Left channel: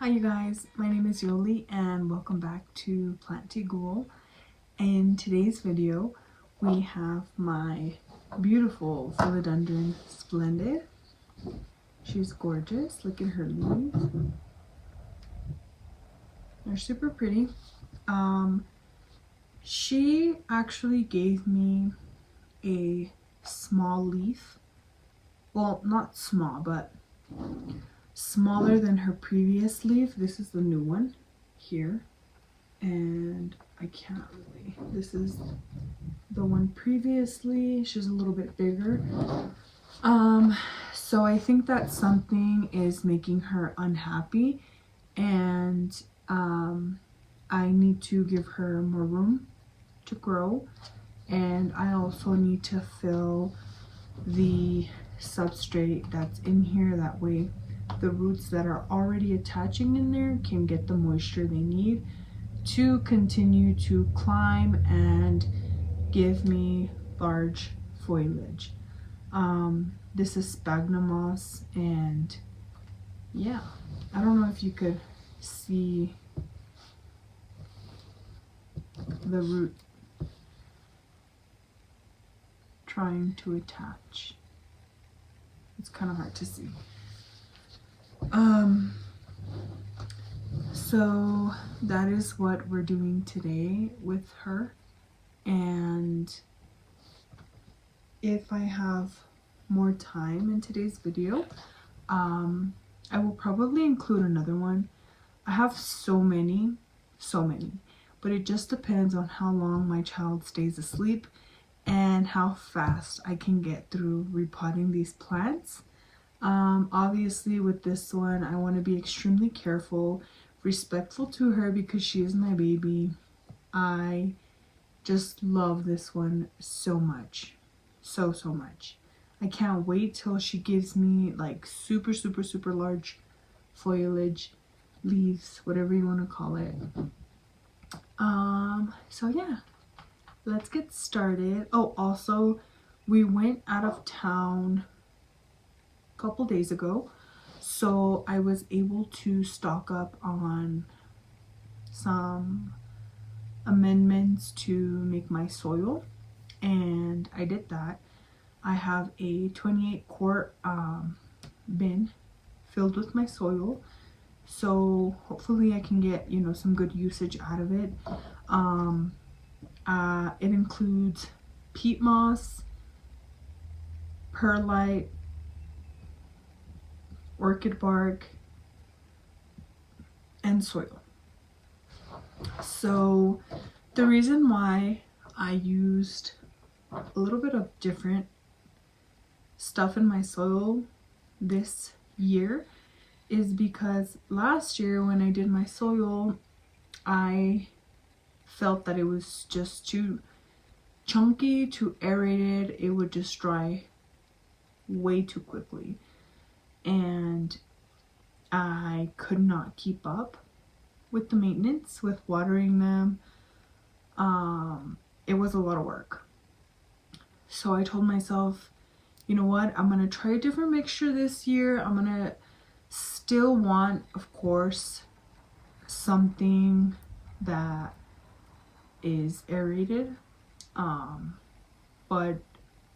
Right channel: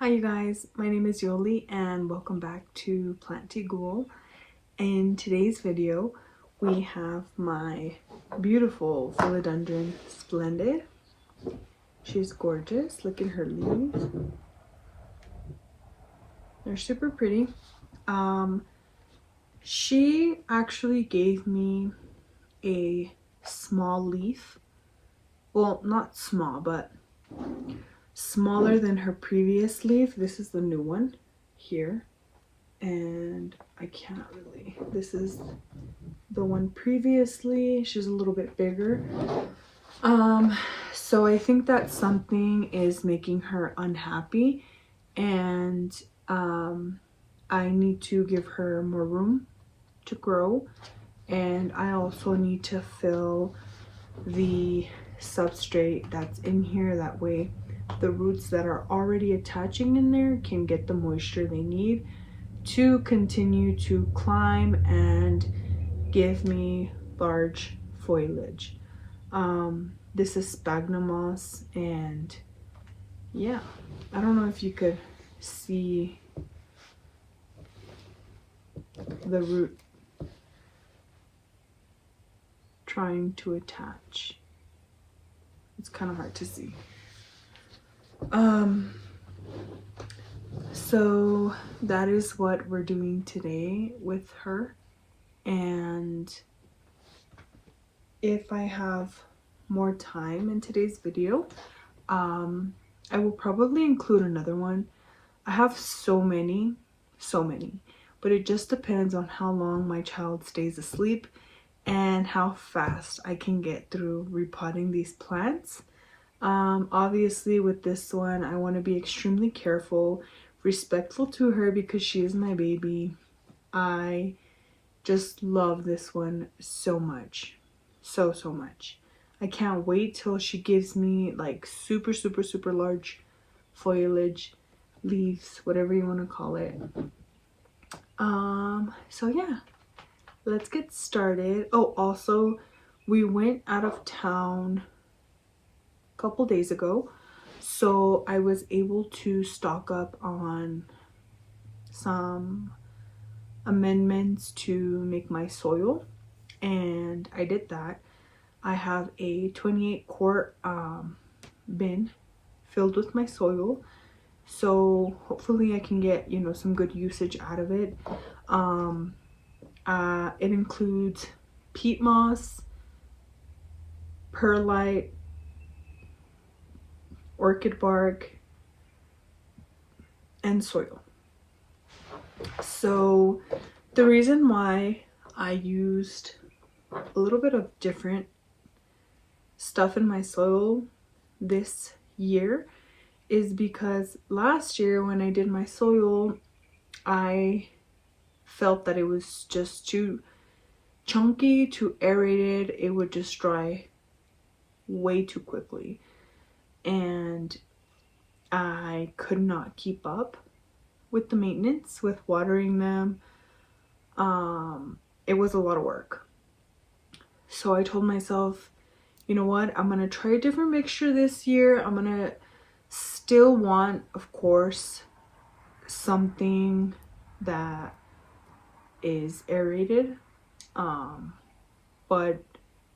Hi you guys, my name is Yoli and welcome back to Plant Tea Ghoul. In today's video we have my beautiful philodendron splendid. She's gorgeous. Look at her leaves. They're super pretty. She actually gave me a small leaf. Well, not small, but smaller than her previous leaf. This is the new one here, and I can't really, this is the one previously. She's a little bit bigger. So I think that something is making her unhappy, and I need to give her more room to grow, and I also need to fill the substrate that's in here. That way the roots that are already attaching in there can get the moisture they need to continue to climb and give me large foliage. This is sphagnum moss, and yeah, I don't know if you could see the root trying to attach. It's kind of hard to see. So that is what we're doing today with her, and if I have more time in today's video, I will probably include another one. I have so many, but it just depends on how long my child stays asleep and how fast I can get through repotting these plants. Obviously with this one I want to be extremely careful, respectful to her, because she is my baby. I just love this one so much, so much. I can't wait till she gives me like super large foliage, leaves, whatever you want to call it. So yeah, let's get started. Oh, also we went out of town a couple days ago, so I was able to stock up on some amendments to make my soil, and I did that. I have a 28 quart bin filled with my soil, so hopefully I can get, you know, some good usage out of it. It includes peat moss, perlite, orchid bark, and soil. So the reason why I used a little bit of different stuff in my soil this year is because last year when I did my soil, I felt that it was just too chunky, too aerated. It would just dry way too quickly, and I could not keep up with the maintenance, with watering them. It was a lot of work. So I told myself, you know what, I'm gonna try a different mixture this year. I'm gonna still want, of course, something that is aerated, but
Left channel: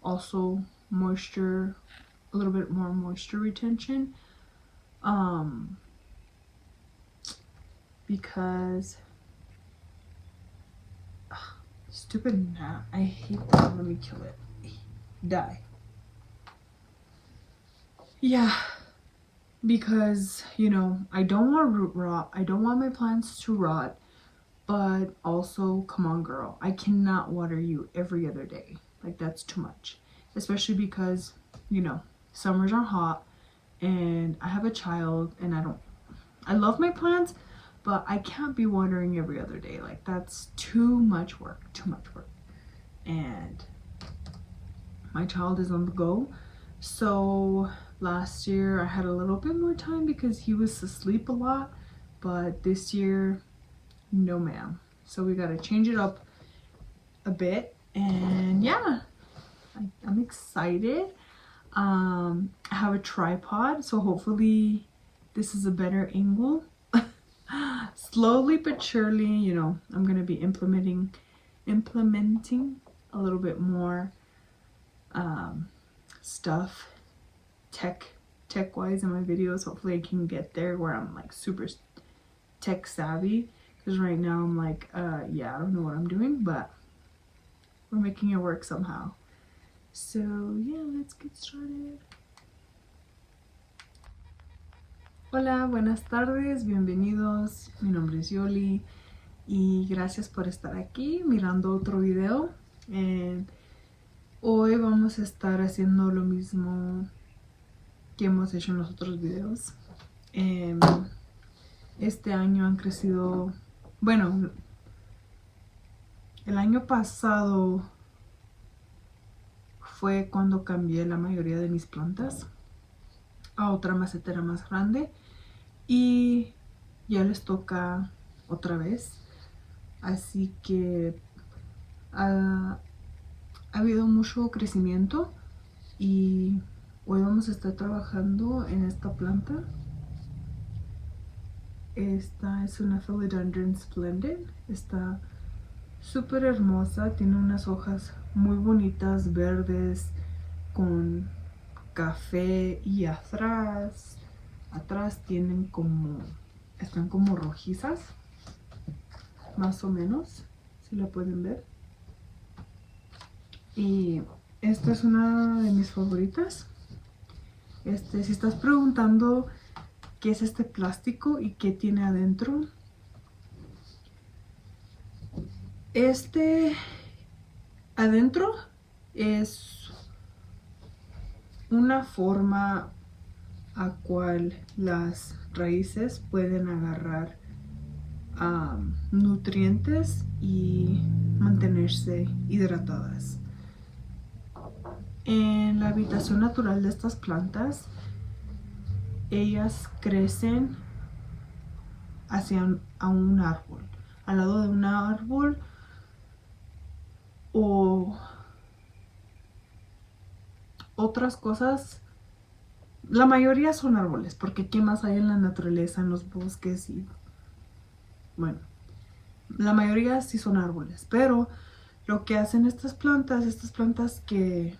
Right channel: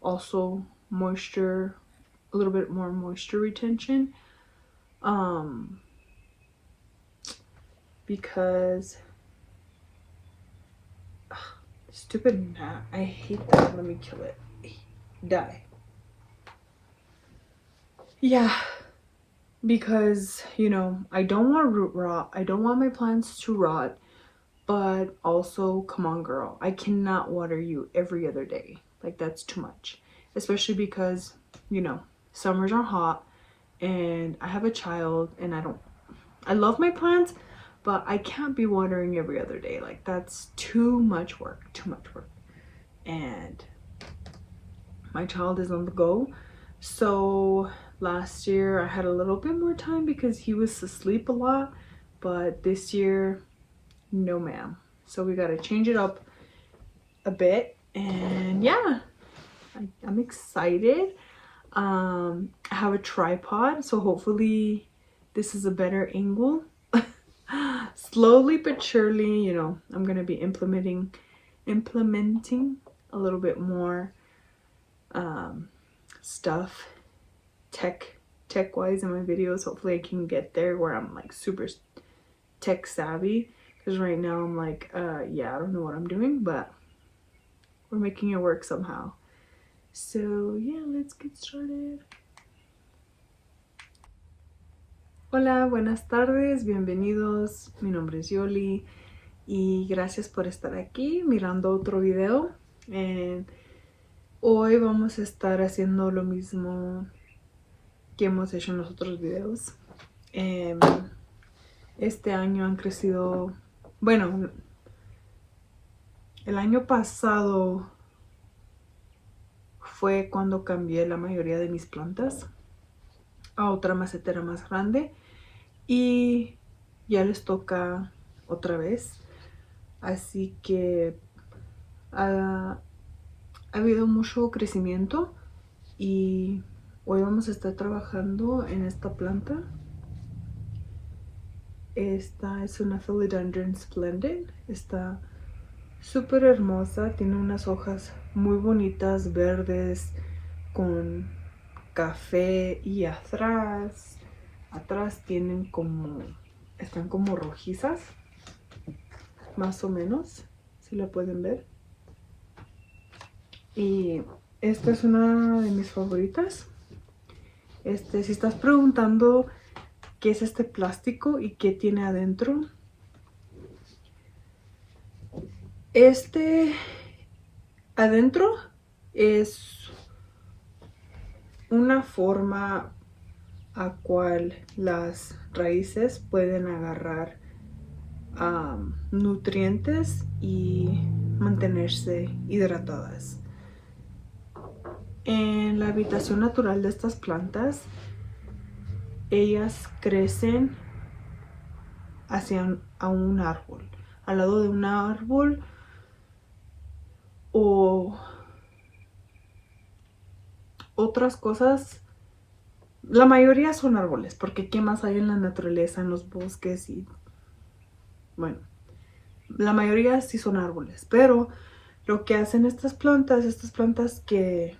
also moisture, a little bit more moisture retention, because stupid gnat, I hate that. Let me kill it. Die. Yeah, because, you know, I don't want root rot. I don't want my plants to rot, but also, come on girl, I cannot water you every other day. Like, that's too much, especially because, you know, summers are hot and I have a child, and I love my plants, but I can't be watering every other day. Like, that's too much work, and my child is on the go. So last year I had a little bit more time because he was asleep a lot, but this year, no ma'am. So we got to change it up a bit, and yeah, I'm excited. I have a tripod, so hopefully this is a better angle slowly but surely, you know, I'm gonna be implementing a little bit more stuff tech wise in my videos. Hopefully I can get there where I'm like super tech savvy, because right now I'm like yeah, I don't know what I'm doing, but we're making it work somehow. So yeah, let's get started. Hola, buenas tardes, bienvenidos. Mi nombre es Yoli y gracias por estar aquí mirando otro video. Hoy vamos a estar haciendo lo mismo que hemos hecho en los otros videos. Este año han crecido, bueno, el año pasado fue cuando cambié la mayoría de mis plantas a otra macetera más grande y ya les toca otra vez, así que ha habido mucho crecimiento y hoy vamos a estar trabajando en esta planta. Esta es una Philodendron Splendid, está súper hermosa, tiene unas hojas muy bonitas, verdes, con café, y atrás tienen están como rojizas, más o menos, si la pueden ver. Y esta es una de mis favoritas. Si estás preguntando qué es este plástico y qué tiene adentro, adentro es una forma a cual las raíces pueden agarrar nutrientes y mantenerse hidratadas. En la habitación natural de estas plantas, ellas crecen a un árbol, al lado de un árbol, o otras cosas. La mayoría son árboles, porque ¿qué más hay en la naturaleza, en los bosques? Y bueno, la mayoría sí son árboles, pero lo que hacen estas plantas que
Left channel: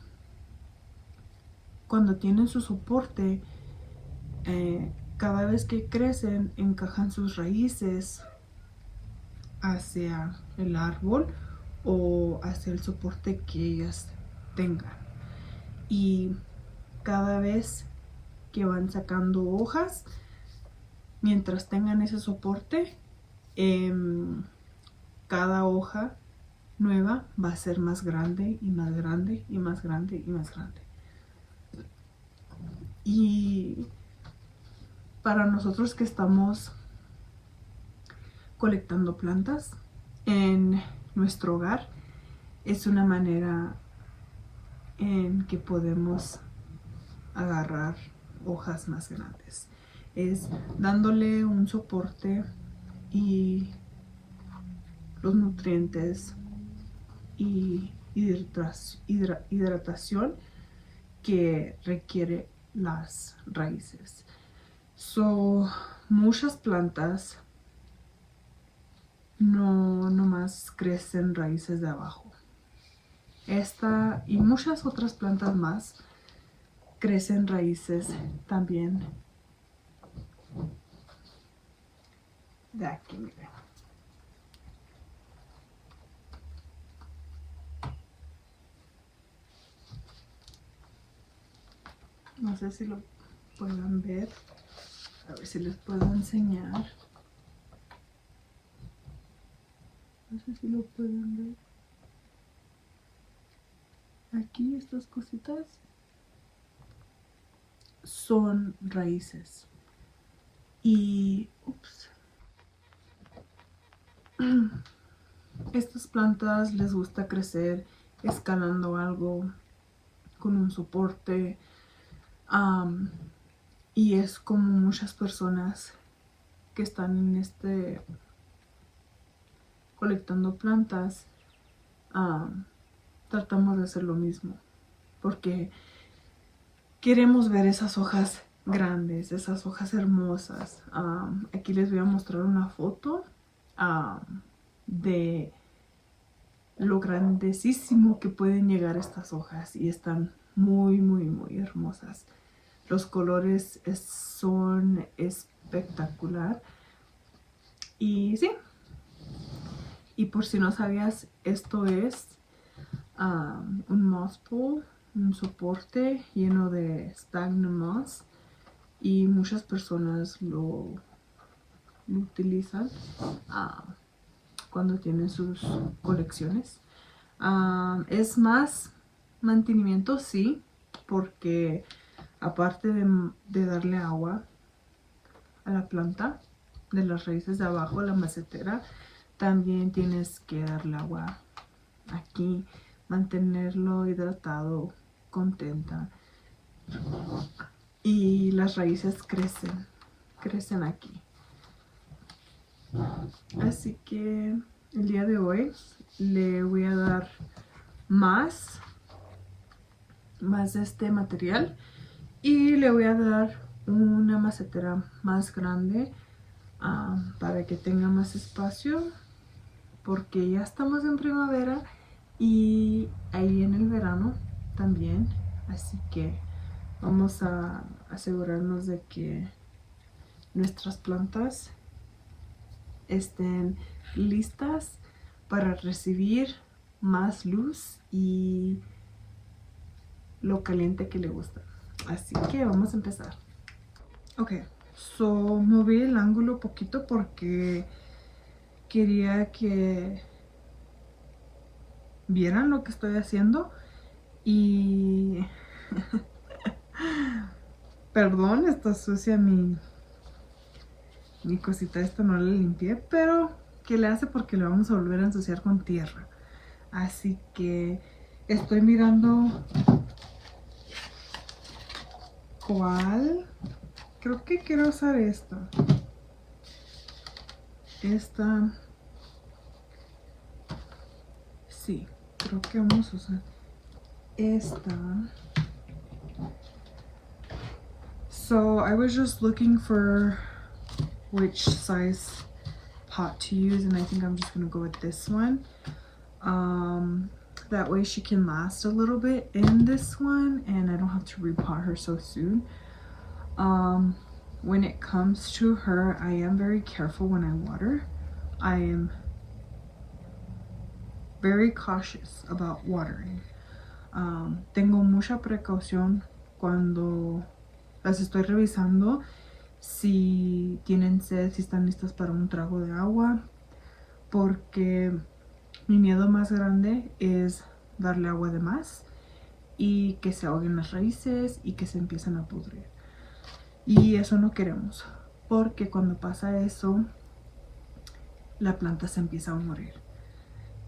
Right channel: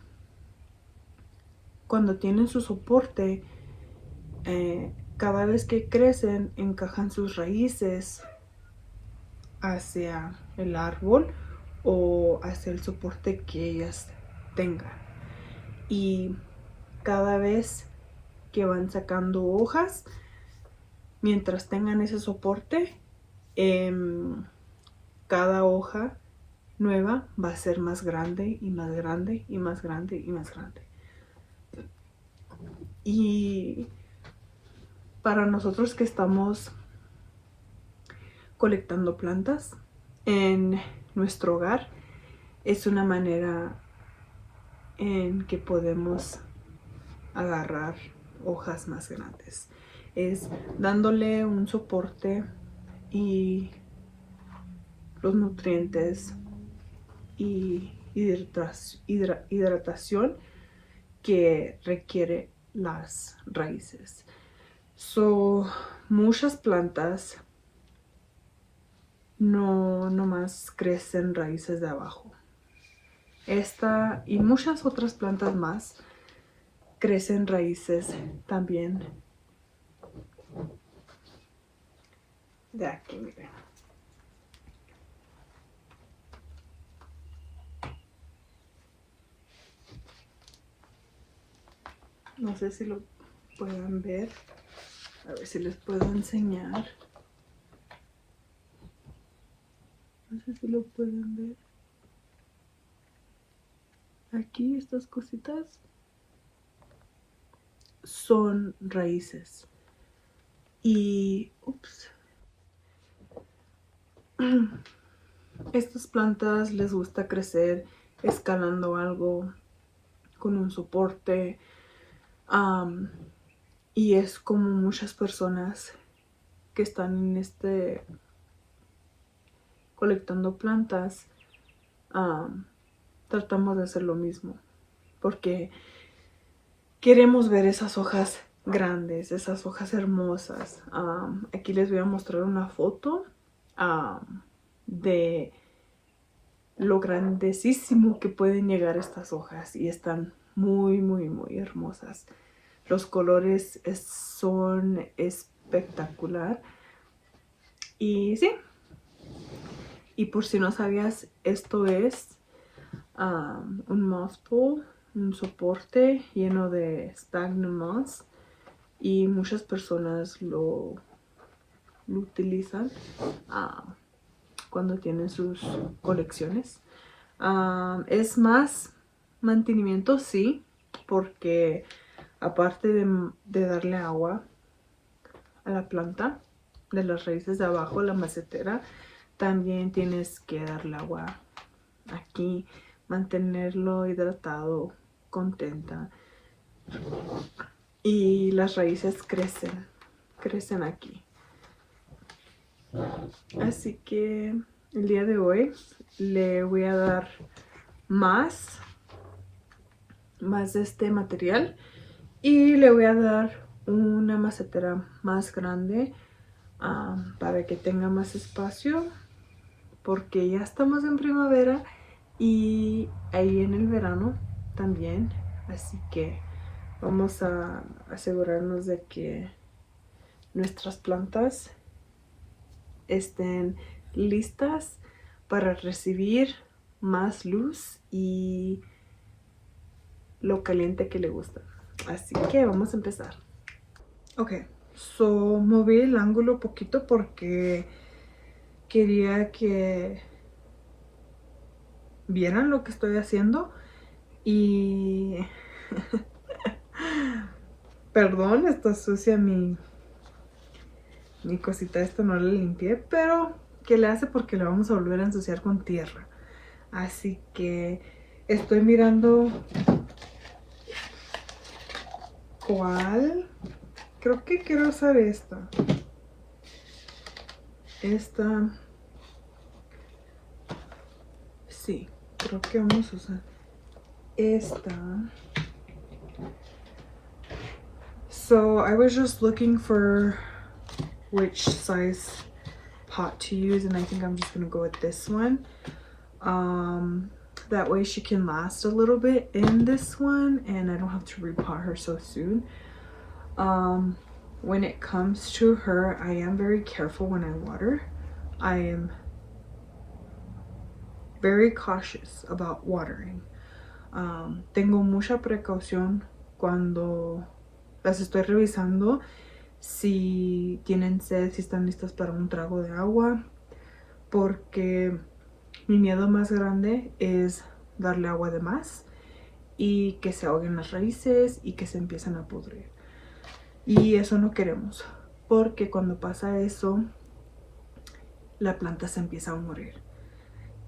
cuando tienen su soporte, cada vez que crecen, encajan sus raíces hacia el árbol o hacia el soporte que ellas tengan. Y cada vez que van sacando hojas, mientras tengan ese soporte, cada hoja nueva va a ser más grande y más grande y más grande y más grande. Y para nosotros que estamos colectando plantas en nuestro hogar, es una manera en que podemos agarrar hojas más grandes. Es dándole un soporte y los nutrientes y hidratación que requiere las raíces. Muchas plantas no nomás crecen raíces de abajo. Esta y muchas otras plantas más crecen raíces también de aquí, miren. No sé si lo puedan ver. A ver si les puedo enseñar. No sé si lo pueden ver. Aquí estas cositas son raíces. Y estas plantas les gusta crecer escalando algo con un soporte. Y es como muchas personas que están en colectando plantas, tratamos de hacer lo mismo, porque queremos ver esas hojas grandes, esas hojas hermosas. Aquí les voy a mostrar una foto de lo grandísimo que pueden llegar estas hojas y están muy, muy, muy hermosas. Los colores son espectacular. Y sí, y por si no sabías, esto es un moss pole, un soporte lleno de sphagnum moss, y muchas personas lo utilizan cuando tienen sus colecciones. Es más mantenimiento, sí, porque aparte de darle agua a la planta de las raíces de abajo, la macetera, también tienes que darle agua aquí, mantenerlo hidratado, contenta, y las raíces crecen aquí. Así que el día de hoy le voy a dar más de este material y le voy a dar una macetera más grande para que tenga más espacio, porque ya estamos en primavera y ahí en el verano también, así que vamos a asegurarnos de que nuestras plantas estén listas para recibir más luz y lo caliente que le gusta. Así que vamos a empezar. Ok, so moví el ángulo poquito porque quería que vieran lo que estoy haciendo y perdón, está sucia mi cosita, esto no la limpié, pero ¿qué le hace? Porque la vamos a volver a ensuciar con tierra. Así que estoy mirando cuál. Creo que quiero usar esta. Sí, creo que vamos a usar esta. So I was just looking for which size pot to use, and I think I'm just gonna go with this one. That way she can last a little bit in this one and I don't have to repot her so soon. When it comes to her, I am very careful when I water. I am very cautious about watering. Tengo mucha precaución cuando las estoy revisando, si tienen sed, si están listas para un trago de agua, porque mi miedo más grande es darle agua de más y que se ahoguen las raíces y que se empiezan a pudrir. Y eso no queremos, porque cuando pasa eso, la planta se empieza a morir.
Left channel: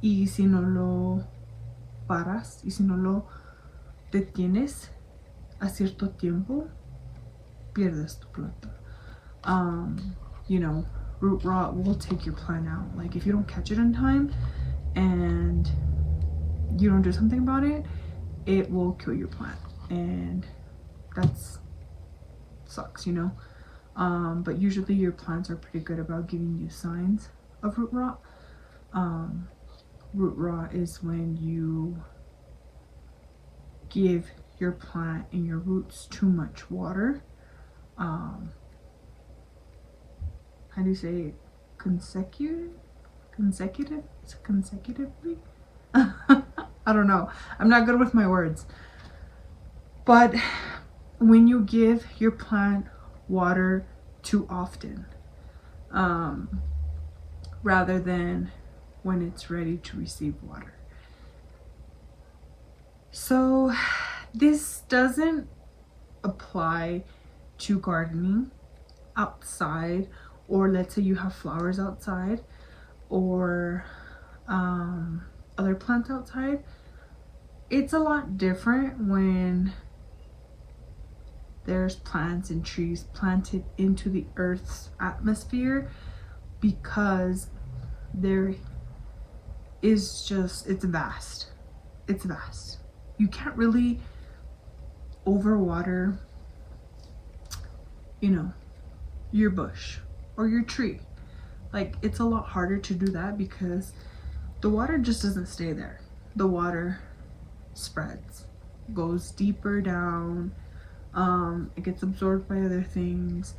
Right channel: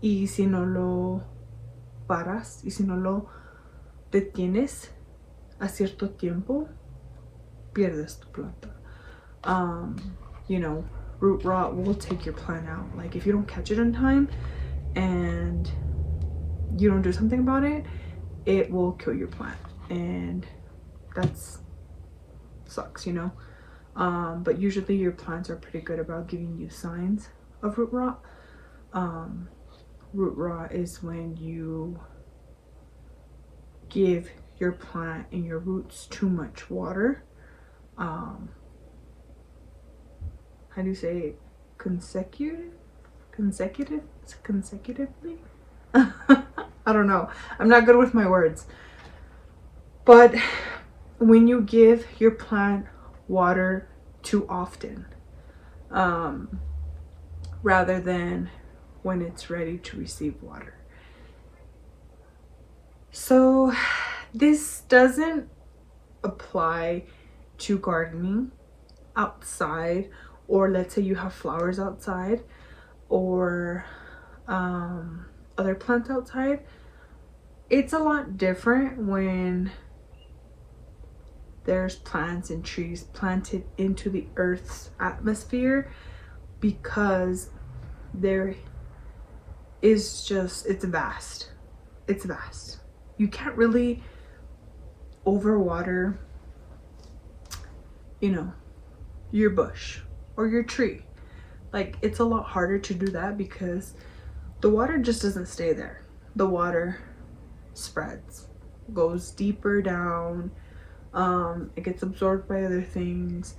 Y si no lo paras y si no lo detienes a cierto tiempo, pierdes tu planta. You know, root rot will take your plant out. Like if you don't catch it in time and you don't do something about it, it will kill your plant, and that's sucks, you know. But usually your plants are pretty good about giving you signs of root rot. Root rot is when you give your plant and your roots too much water. How do you say it? Consecutively? I don't know. I'm not good with my words. But when you give your plant water too often, rather than when it's ready to receive water. So this doesn't apply to gardening outside, or let's say you have flowers outside or other plants outside. It's a lot different when there's plants and trees planted into the earth's atmosphere, because there is just, it's vast. You can't really overwater you know, your bush or your tree. Like, it's a lot harder to do that because the water just doesn't stay there. The water spreads, goes deeper down, it gets absorbed by other things,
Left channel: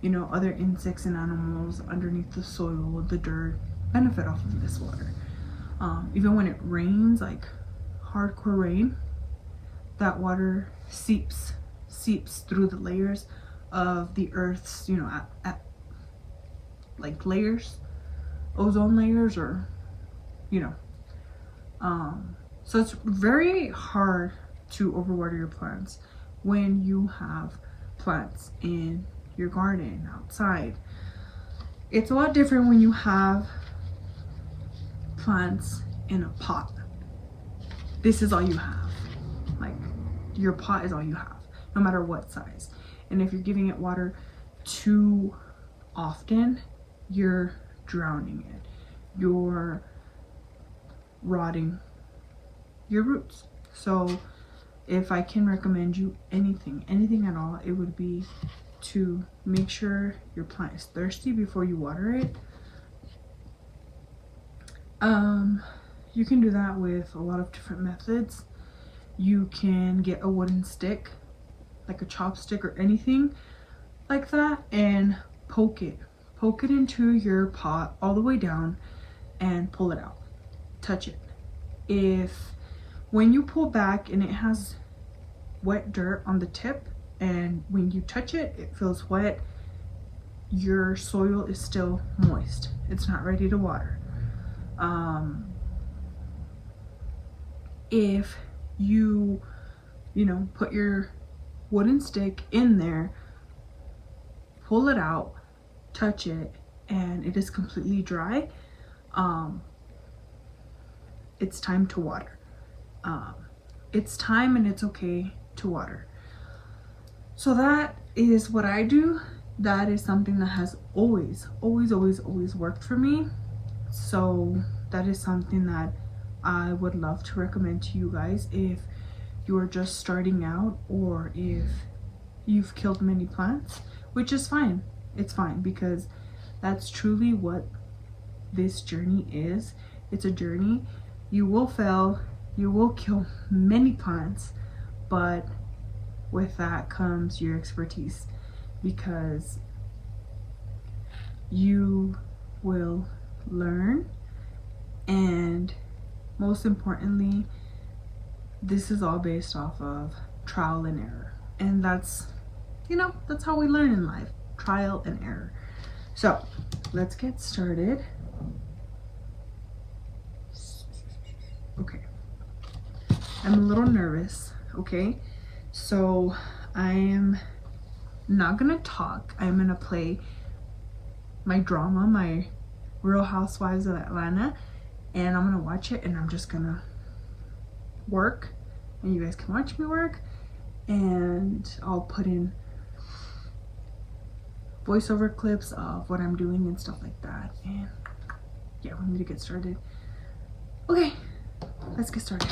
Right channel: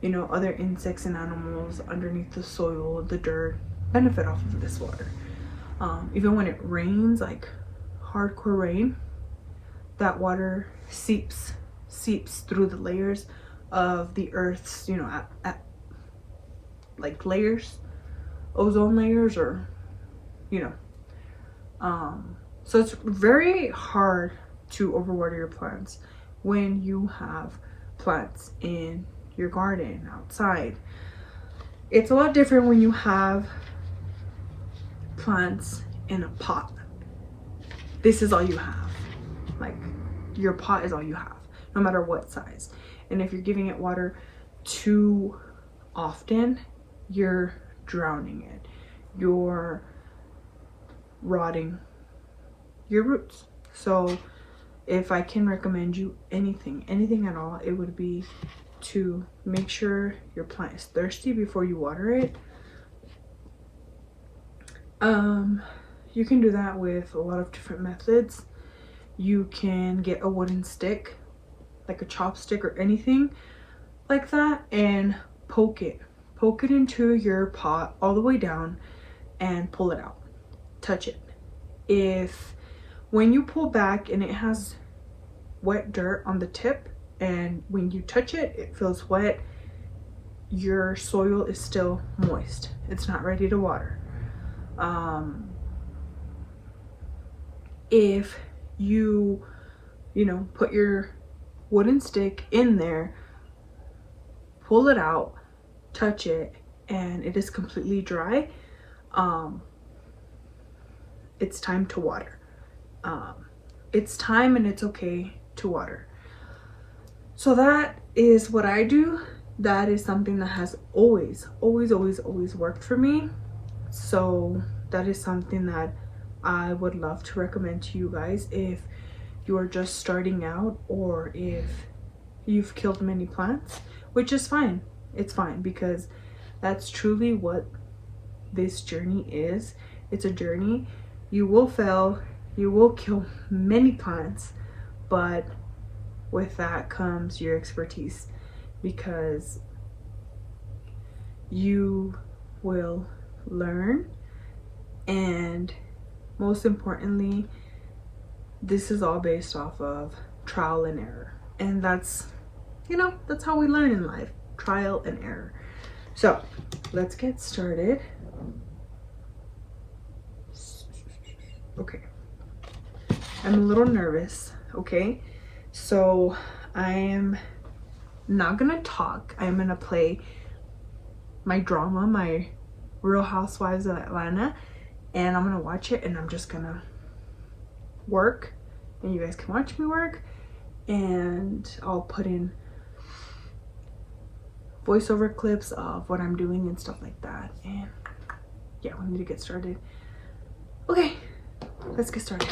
you know, other insects and animals underneath the soil, the dirt, benefit off of this water. Even when it rains, like hardcore rain, that water seeps through the layers of the earth's, you know, like layers, ozone layers, or, you know, so it's very hard to overwater your plants when you have plants in your garden outside. It's a lot different when you have plants in a pot. This is all you have. Like, your pot is all you have, no matter what size. And if you're giving it water too often, you're drowning it. You're rotting your roots. So if I can recommend you anything at all, it would be to make sure your plant is thirsty before you water it. You can do that with a lot of different methods. You can get a wooden stick, like a chopstick or anything like that, and poke it into your pot all the way down and pull it out. Touch it. If when you pull back and it has wet dirt on the tip, and when you touch it, it feels wet, your soil is still moist. It's not ready to water. If you know, put your wooden stick in there, pull it out, touch it, and it is completely dry, it's time to water. It's time, and it's okay to water. So that is what I do. That is something that has always worked for me. So that is something that I would love to recommend to you guys if you are just starting out, or if you've killed many plants, which is fine. It's fine, because that's truly what this journey is. It's a journey. You will fail, you will kill many plants, but with that comes your expertise, because you will learn, and most importantly, this is all based off of trial and error. And that's, you know, that's how we learn in life, trial and error. So let's get started. Okay, I'm a little nervous. Okay, so I am not gonna talk. I'm gonna play my drama, my Real Housewives of Atlanta, and I'm gonna watch it, and I'm just gonna work, and you guys can watch me work, and I'll put in voiceover clips of what I'm doing and stuff like that. And yeah, we need to get started. Okay, let's get started.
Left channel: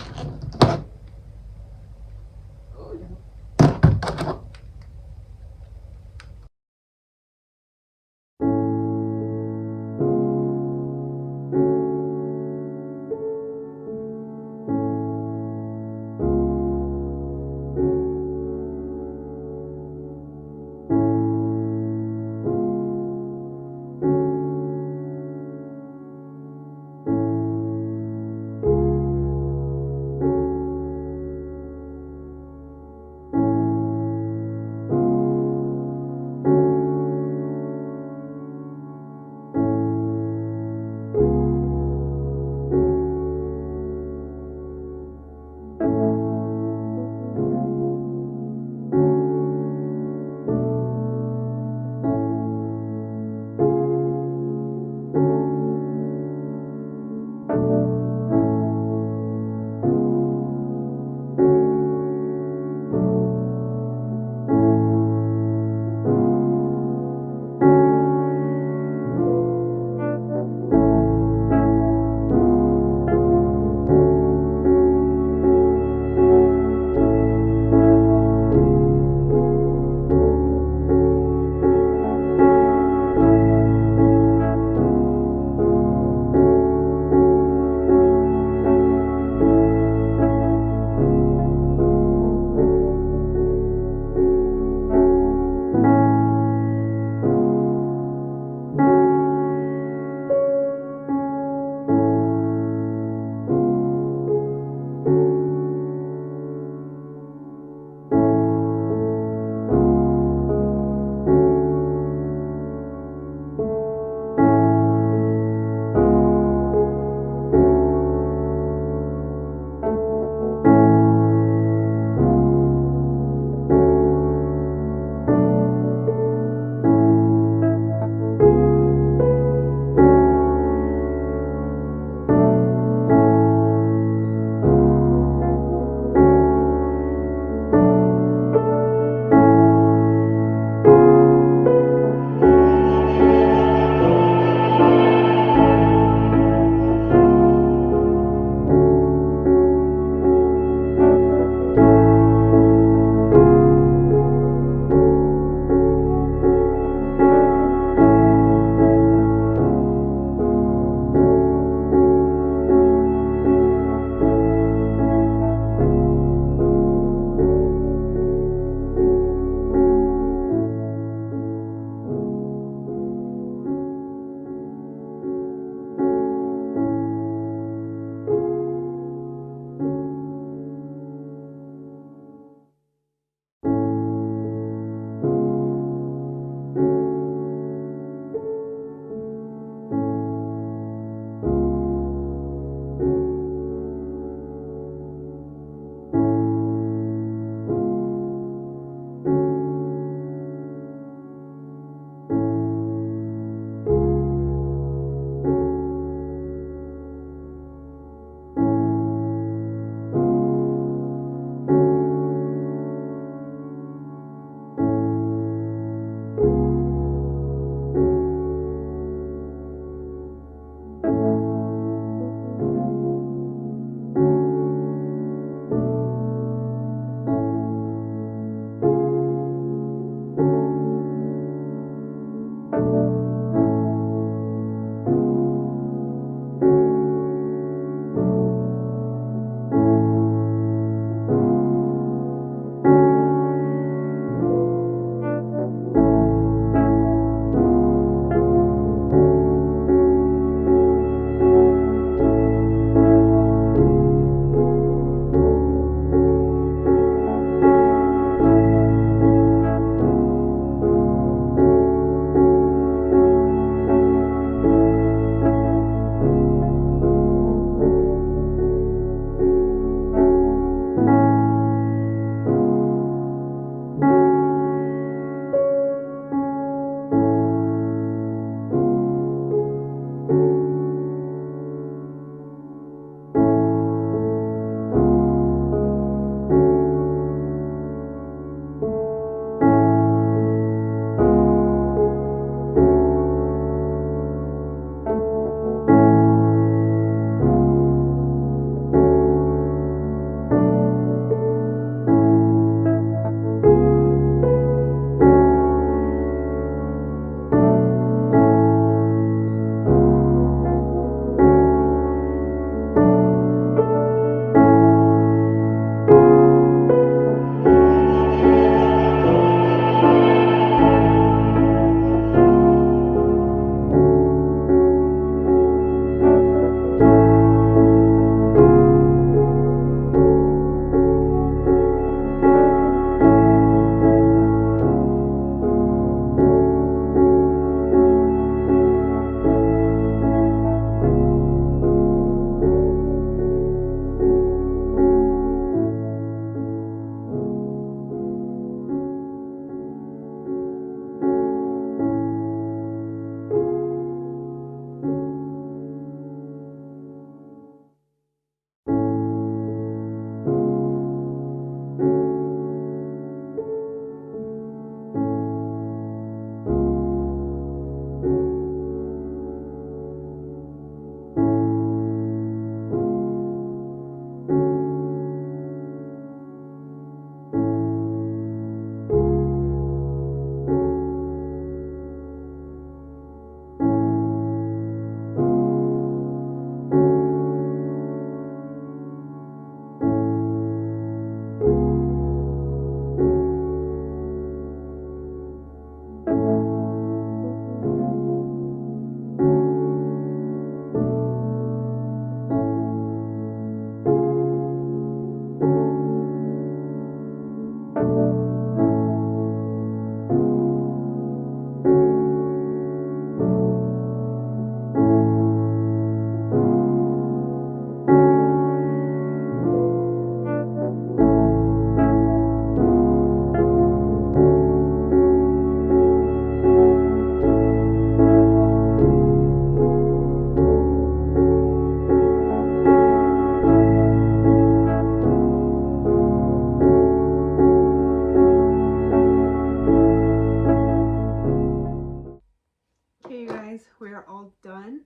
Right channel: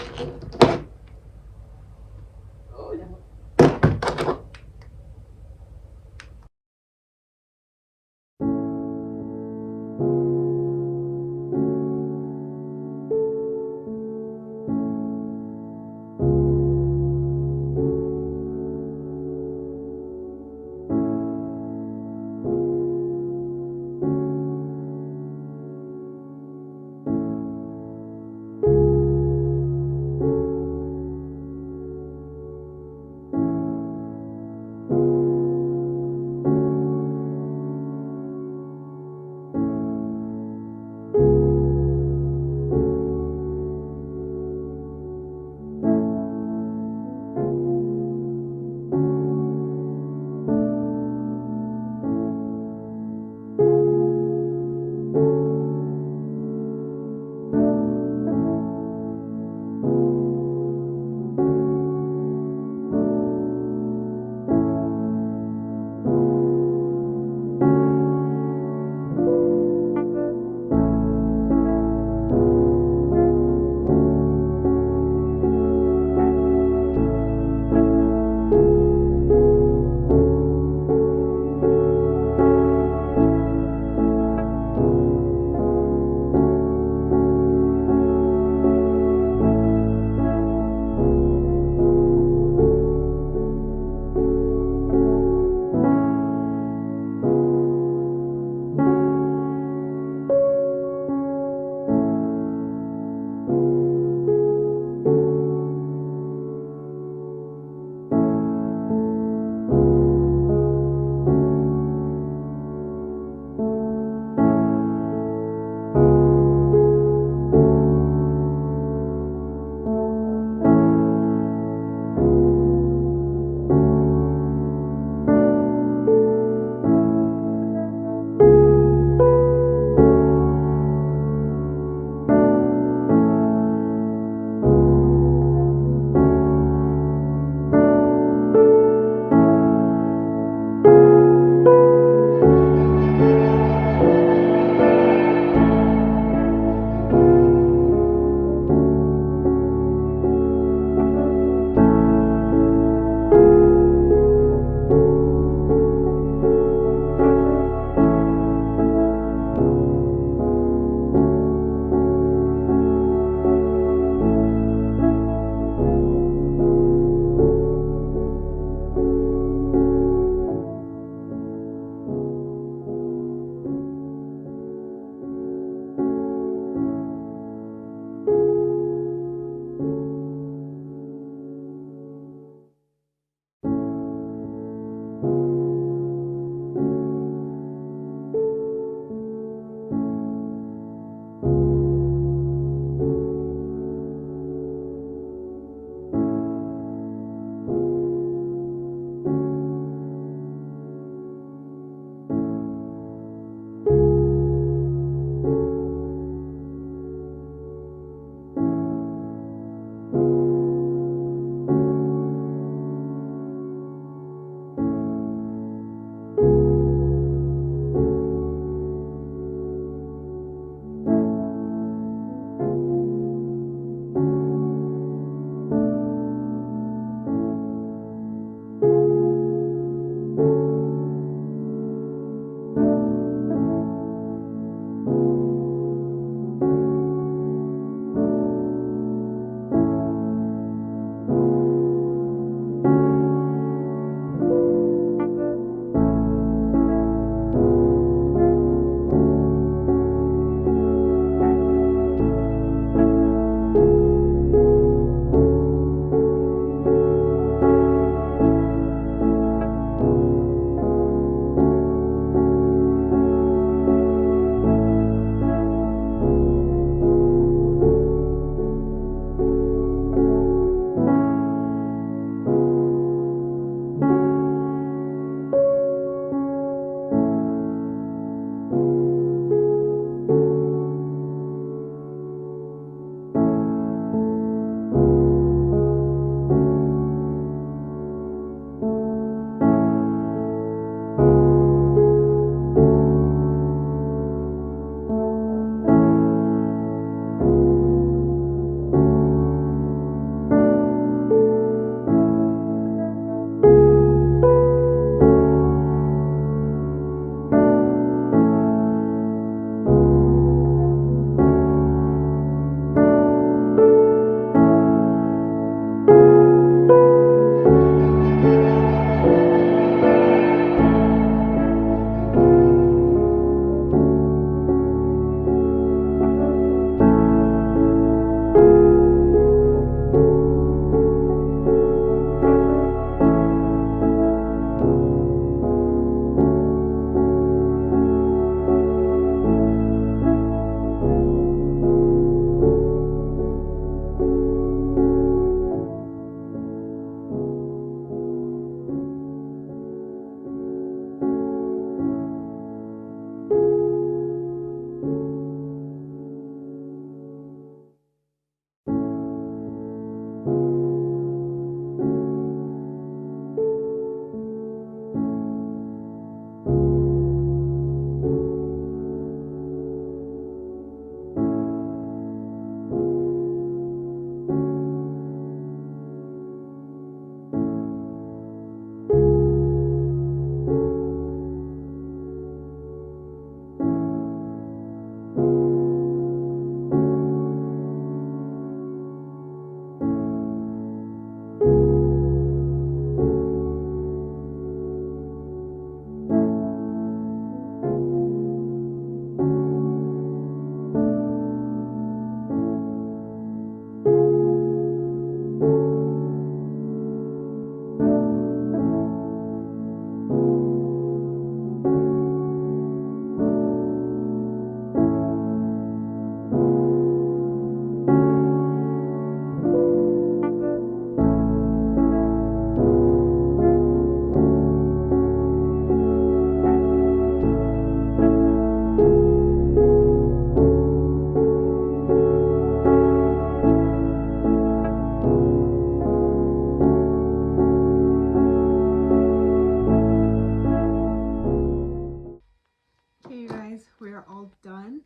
we are all done.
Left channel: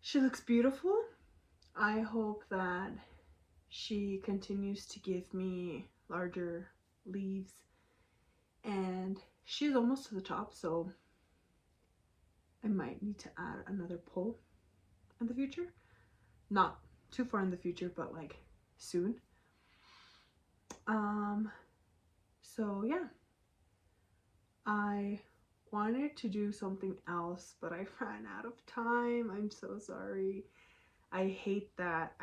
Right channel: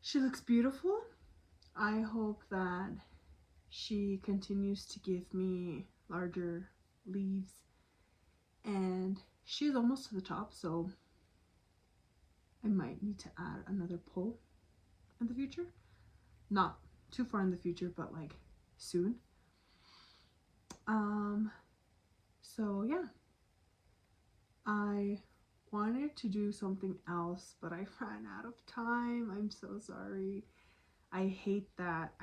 She looks beautiful. I hope that she continues to give me larger leaves, and she's almost to the top, so I might need to add another pole in the future. Not too far in the future, but like soon. So yeah, I wanted to do something else, but I ran out of time. I'm so sorry. I hate that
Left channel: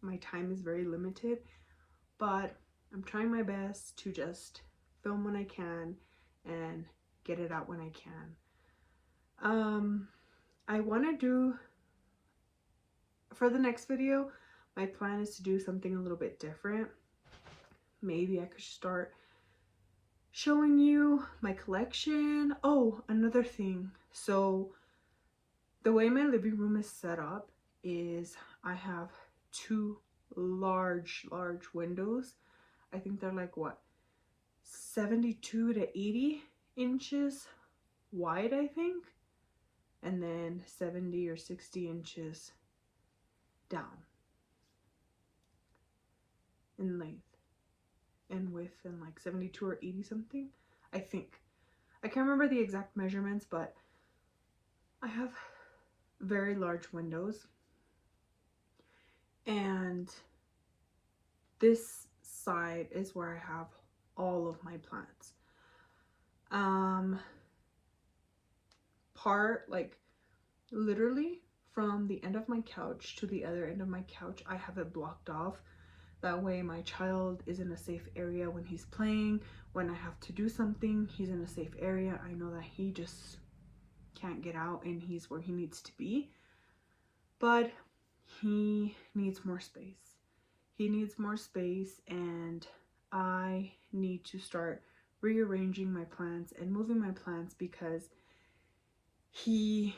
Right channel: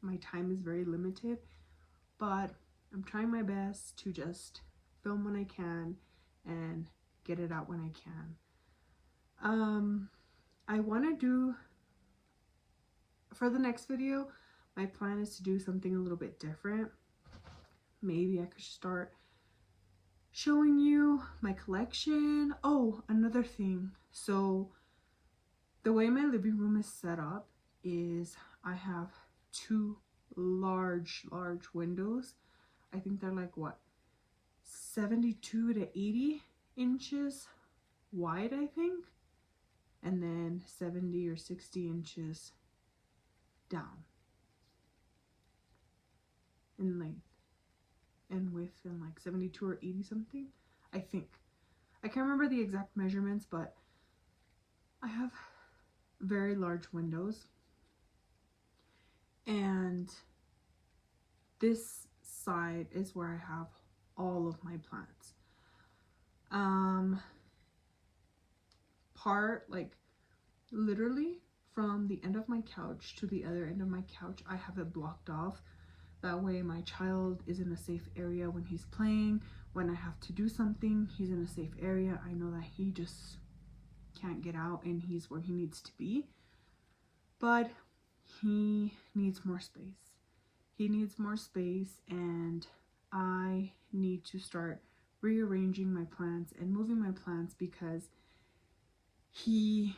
my time is very limited, but I'm trying my best to just film when I can and get it out when I can. I want to do, for the next video, my plan is to do something a little bit different. Maybe I could start showing you my collection. Oh, another thing. So the way my living room is set up is I have two large windows. I think they're like what, 72 to 80 inches wide, I think, and then 70 or 60 inches down in length and width, and like 72 or 80 something, I think. I can't remember the exact measurements, but I have very large windows, and this side is where I have all of my plants. Part, like literally from the end of my couch to the other end of my couch, I have it blocked off. That way my child is in a safe area when he's playing. When I have to do something, he's in a safe area. I know that he just can't get out and he's where he needs to be. But he needs more space. He needs more space, and I need to start rearranging my plants and moving my plants because he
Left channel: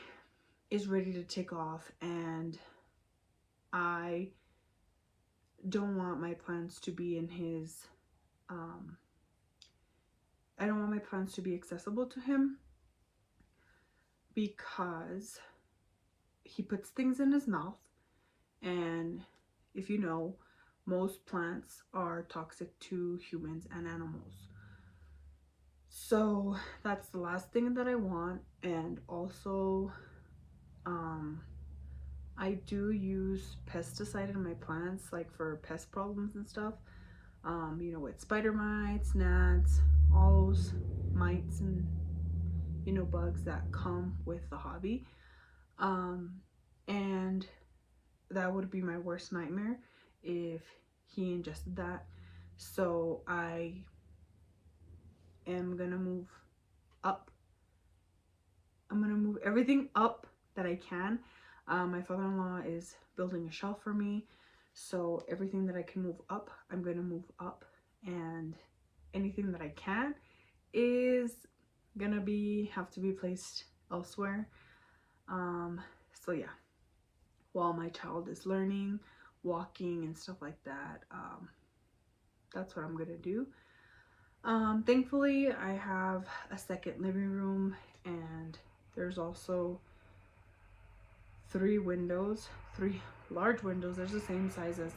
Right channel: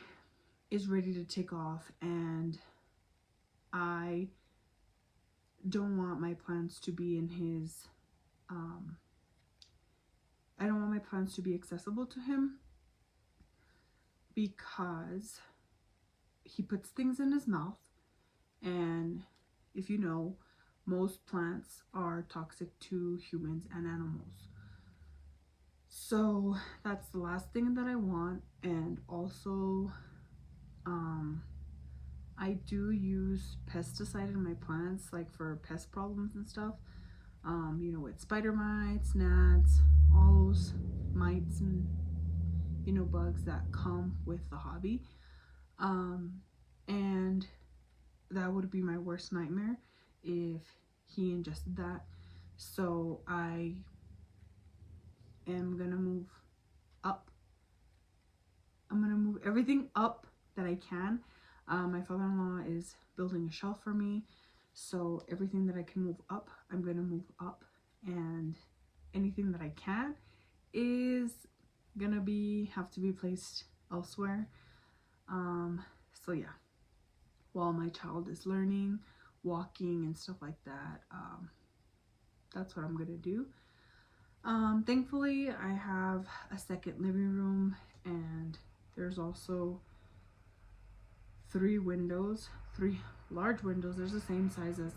is ready to take off, and I don't want my plants to be in his I don't want my plants to be accessible to him, because he puts things in his mouth, and if you know, most plants are toxic to humans and animals. So that's the last thing that I want. And also I do use pesticide in my plants, like for pest problems and stuff, you know, with spider mites, gnats, all those mites and, you know, bugs that come with the hobby. And that would be my worst nightmare if he ingested that. So I am gonna move up. I'm gonna move everything up that I can. My father-in-law is building a shelf for me, so everything that I can move up, I'm gonna move up, and anything that I can is gonna have to be placed elsewhere. So yeah, while my child is learning, walking and stuff like that, that's what I'm gonna do. Thankfully I have a second living room, and there's also three large windows. There's the same size as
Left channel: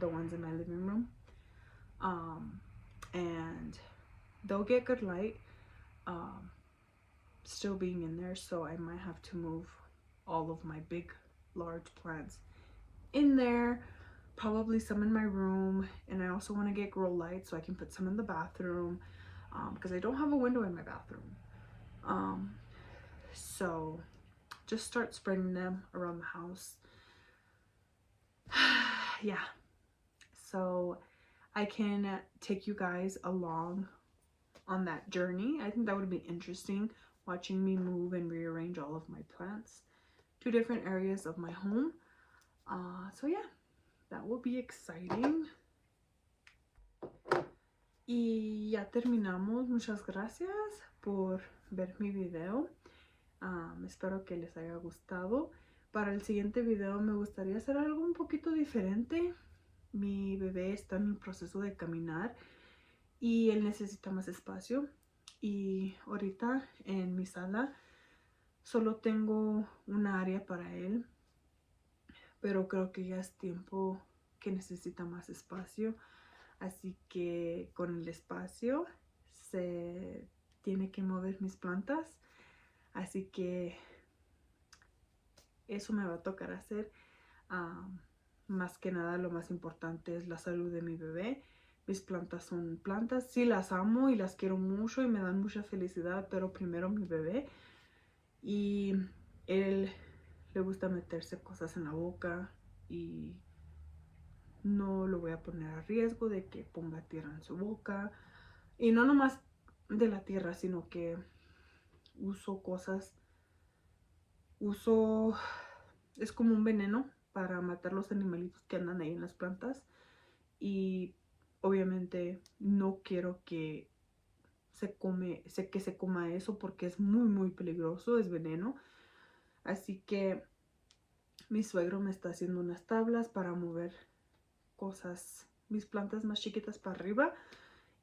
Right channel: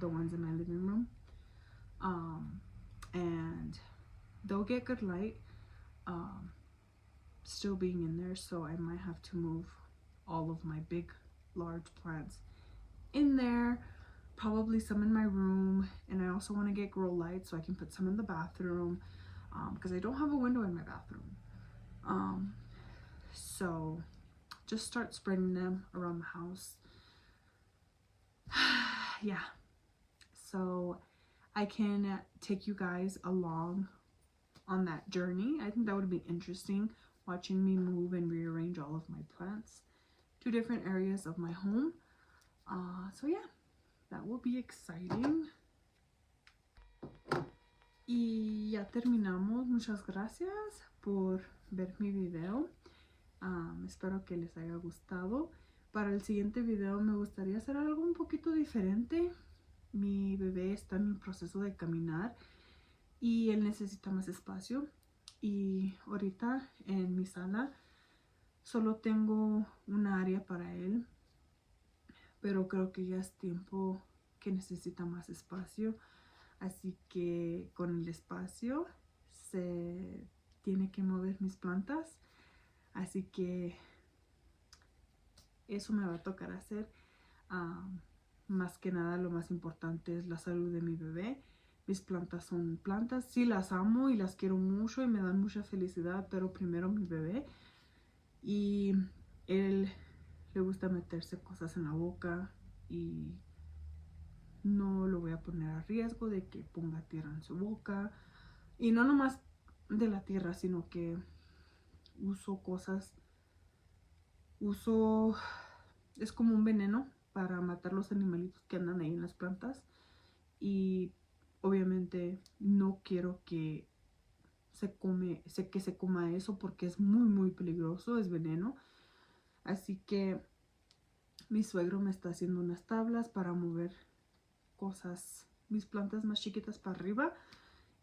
the ones in my living room, and they'll get good light still being in there, so I might have to move all of my big large plants in there, probably some in my room, and I also want to get grow lights so I can put some in the bathroom, because I don't have a window in my bathroom. So just start spreading them around the house. Yeah, so I can take you guys along on that journey. I think that would be interesting, watching me move and rearrange all of my plants to different areas of my home. So yeah, that will be exciting. Y ya terminamos. Muchas gracias por ver mi video. Espero que les haya gustado. Para el siguiente video me gustaría hacer algo un poquito diferente. Mi bebé está en el proceso de caminar y él necesita más espacio. Y ahorita en mi sala Solo tengo una área para él, pero creo que ya es tiempo que necesita más espacio. Así que con el espacio se tiene que mover mis plantas. Así que eso me va a tocar hacer. Más que nada, lo más importante es la salud de mi bebé. Mis plantas son plantas. Sí, las amo y las quiero mucho y me dan mucha felicidad, pero primero mi bebé. Y él le gusta meterse cosas en la boca y no lo voy a poner a riesgo de que ponga tierra en su boca. Y no nomás de la tierra, sino que uso cosas, es como un veneno para matar los animalitos que andan ahí en las plantas. Y obviamente no quiero que se coma eso porque es muy peligroso, es veneno. Así que mi suegro me está haciendo unas tablas para mover cosas, mis plantas más chiquitas para arriba,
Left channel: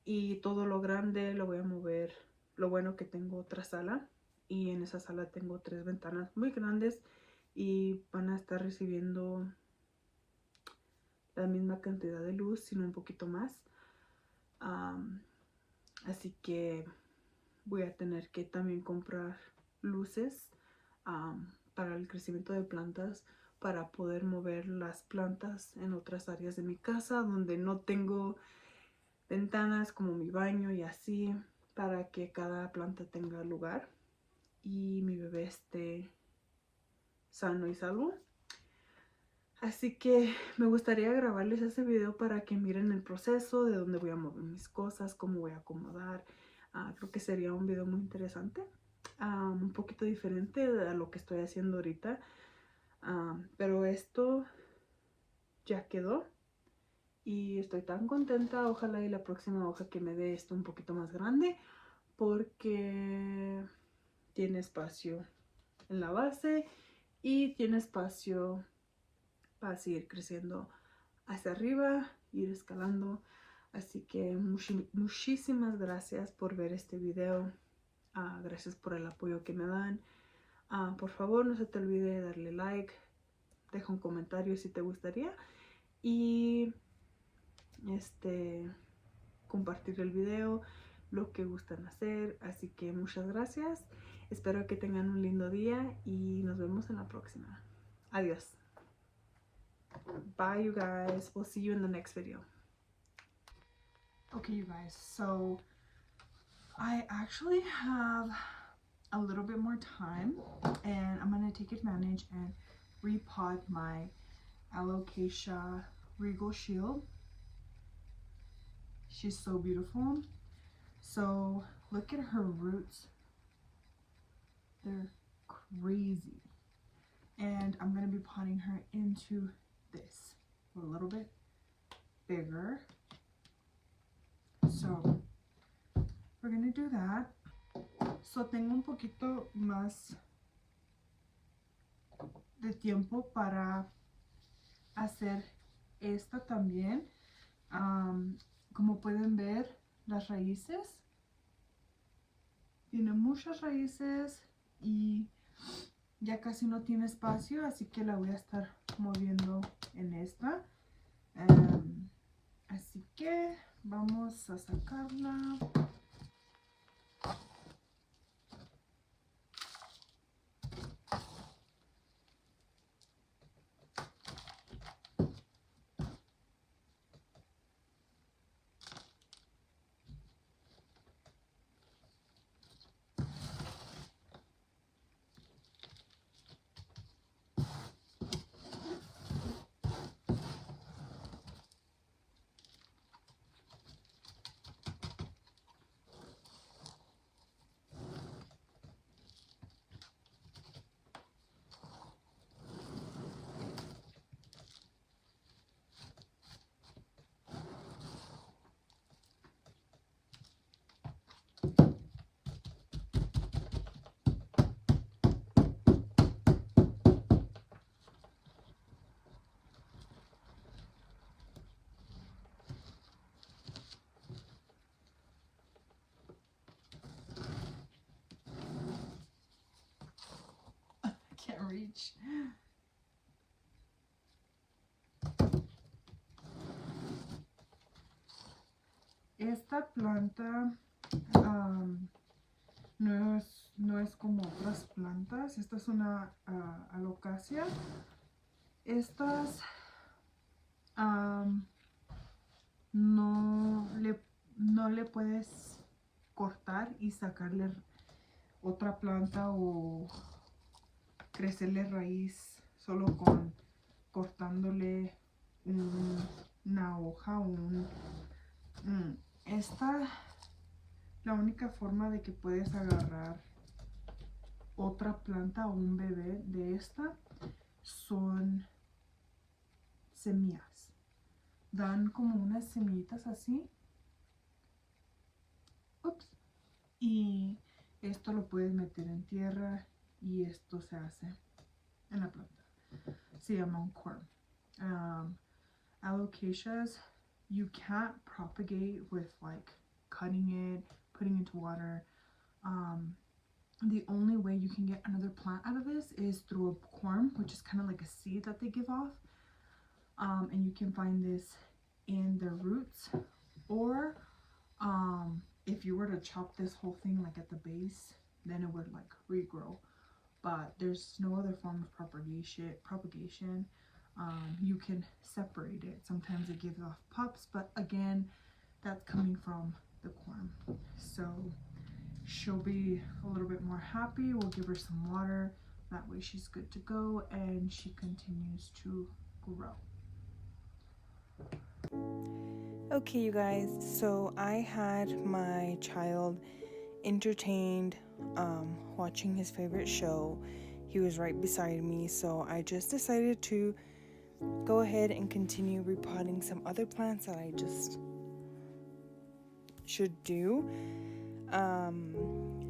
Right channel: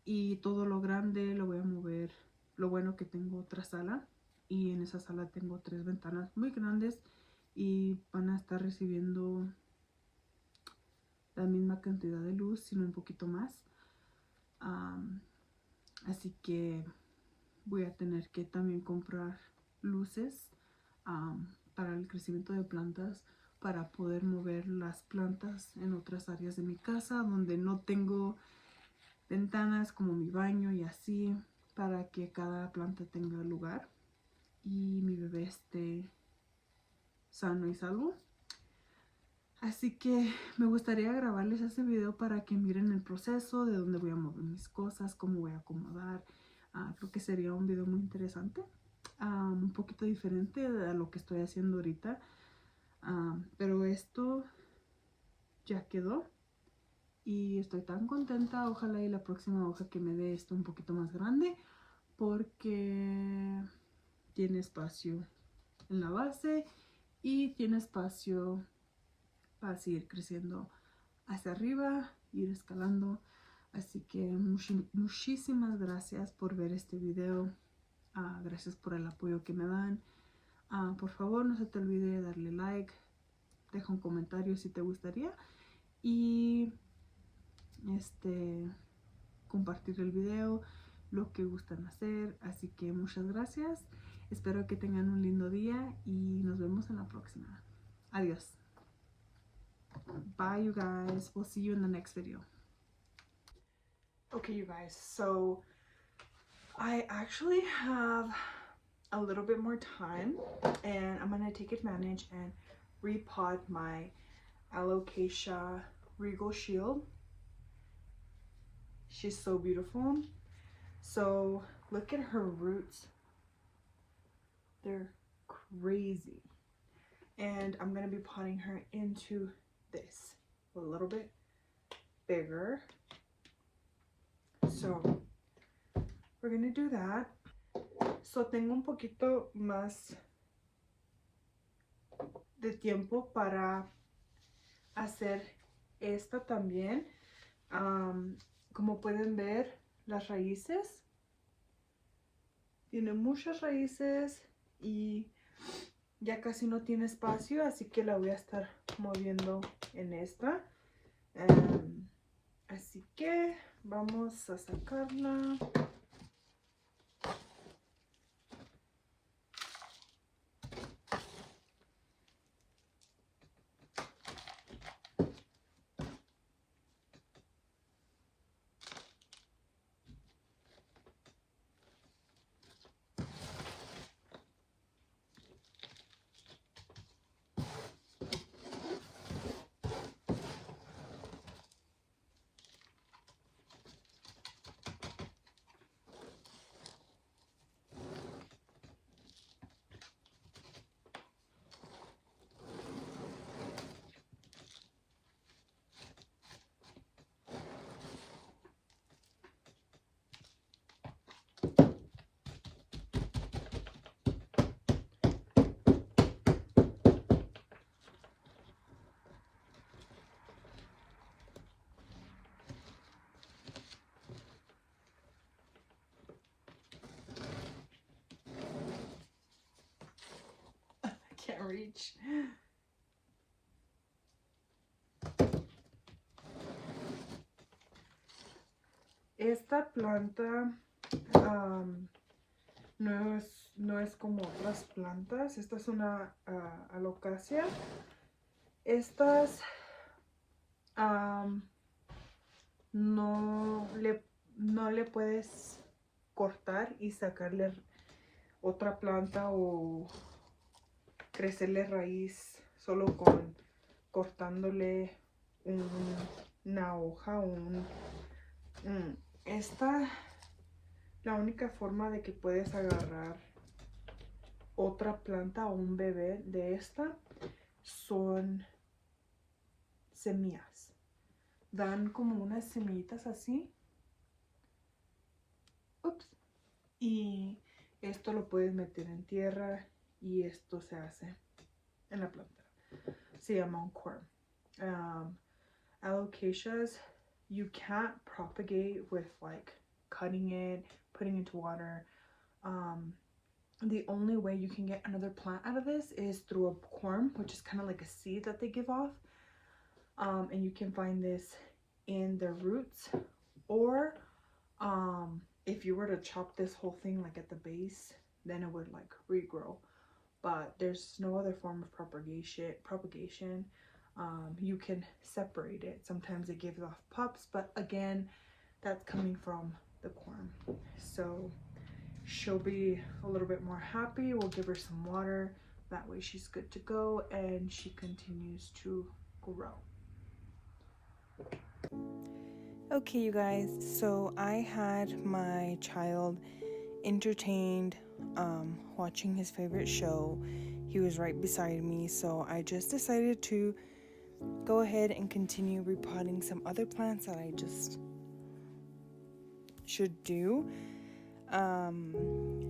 y todo lo grande lo voy a mover. Lo bueno que tengo otra sala y en esa sala tengo 3 ventanas muy grandes y van a estar recibiendo la misma cantidad de luz, sino un poquito más. Así que voy a tener que también comprar luces para el crecimiento de plantas, para poder mover las plantas en otras áreas de mi casa donde no tengo ventanas, como mi baño y así, para que cada planta tenga lugar y mi bebé esté sano y salvo. Así que me gustaría grabarles ese video para que miren el proceso de dónde voy a mover mis cosas, cómo voy a acomodar. Creo que sería un video muy interesante, un poquito diferente a lo que estoy haciendo ahorita. Pero esto ya quedó y estoy tan contenta. Ojalá y la próxima hoja que me dé esté un poquito más grande, porque tiene espacio en la base y tiene espacio para seguir creciendo hacia arriba, ir escalando. Así que muchísimas gracias por ver este video. Gracias por el apoyo que me dan. Por favor, no se te olvide darle like, deja un comentario si te gustaría y compartir el video, lo que gustan hacer. Así que muchas gracias. Espero que tengan un lindo día y nos vemos en la próxima. Adiós. Bye, you guys. We'll see you in the next video. Okay, you guys, so I actually have a little bit more time and I'm gonna take advantage and repot my alocasia regal shield. She's so beautiful. So look at her roots, they're crazy. And I'm gonna be potting her into this a little bit bigger. So we're gonna do that. So tengo un poquito más de tiempo para hacer esta también. Como pueden ver, las raíces, tiene muchas raíces y ya casi no tiene espacio, así que la voy a estar moviendo en esta. Así que vamos a sacarla. reach. Esta planta no es como otras plantas. Esta es una alocasia. Estas no le puedes cortar y sacarle otra planta o crecerle raíz solo con cortándole una hoja o la única forma de que puedes agarrar otra planta o un bebé de esta son semillas. Dan como unas semillitas así. Ups. Y esto lo puedes meter en tierra y esto se hace en la planta. Se llama un corm. Alocasias, you can't propagate with like cutting it, putting it into water. The only way you can get another plant out of this is through a corm, which is kind of like a seed that they give off. And you can find this in their roots, or if you were to chop this whole thing like at the base, then it would like regrow. But there's no other form of propagation. You can separate it. Sometimes it gives off pups, but again, that's coming from the corm. So she'll be a little bit more happy. We'll give her some water. That way she's good to go and she continues to grow. Okay, you guys, so I had my child entertained watching his favorite show. He was right beside me, so I just decided to go ahead and continue repotting some other plants that I just should do.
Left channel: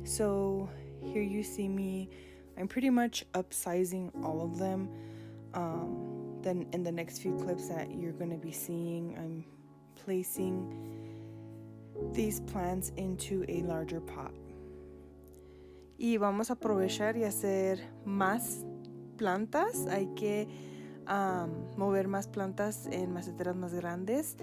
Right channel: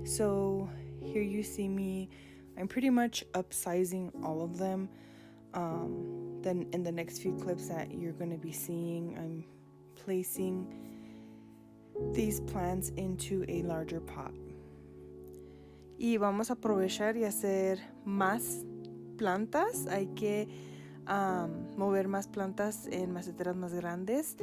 So here you see me. I'm pretty much upsizing all of them. Then in the next few clips that you're going to be seeing, I'm placing these plants into a larger pot. Y vamos a aprovechar y hacer más plantas. Hay que mover más plantas en maceteras más grandes.